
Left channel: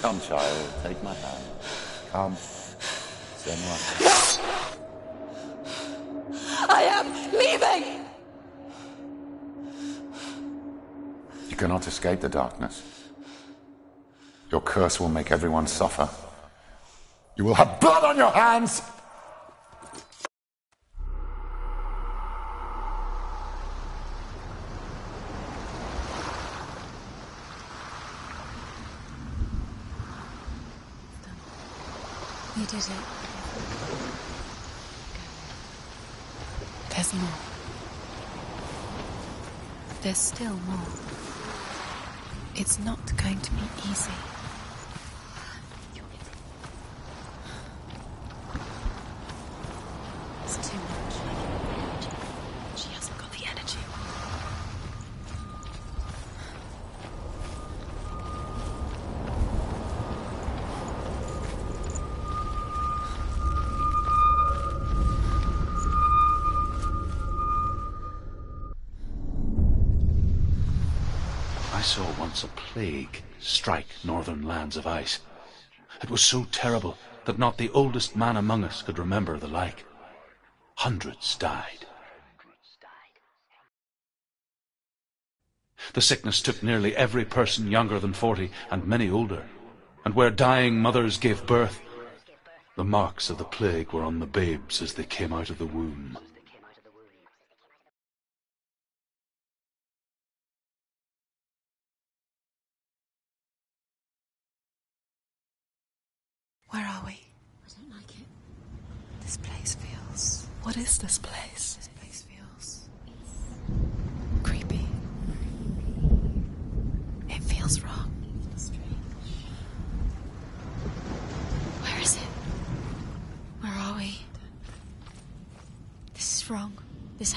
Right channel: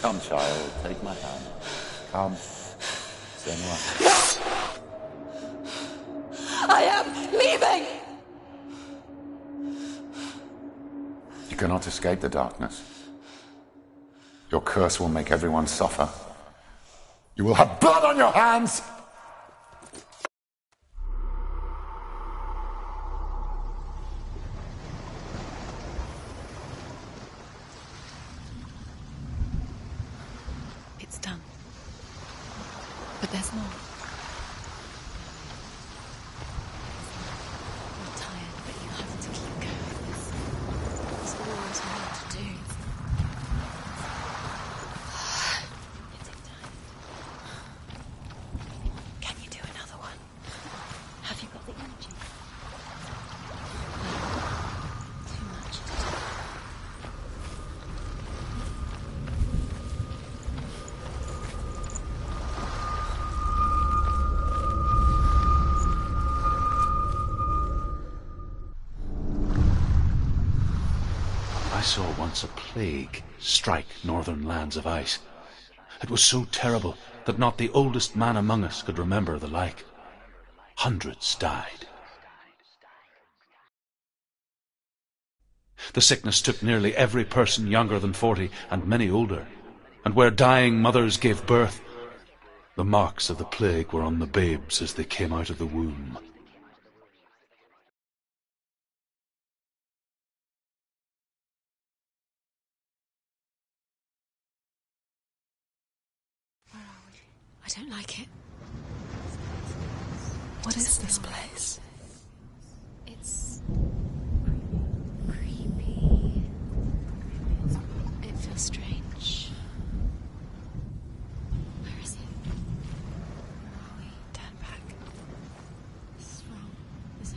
Come, child, take my hand. Come. Senua. I am leaving! You cannot escape the darkness. Your curse will make everyone suffer. You will have blood on your hands! It's done. You did it. But there's more. There's more. We're tired. We'll have to keep going. There's still more. Still loads more to do. It's not going to be easy. You'll get it done. Can you do another one? It's too much. I saw once a plague strike northern lands of ice. It was so terrible that not the oldest man among us could remember the like. Hundreds died. The sickness took nearly every person younger than 40, and many older. And where dying mothers gave birth, the marks of the plague were on the babes as they came out of the womb. Where are we? I don't like it. This place feels... What is this place? This place feels... It's... creepy. It feels wrong. It feels strange. Where is it? Where are we? Turn back. This is wrong. This...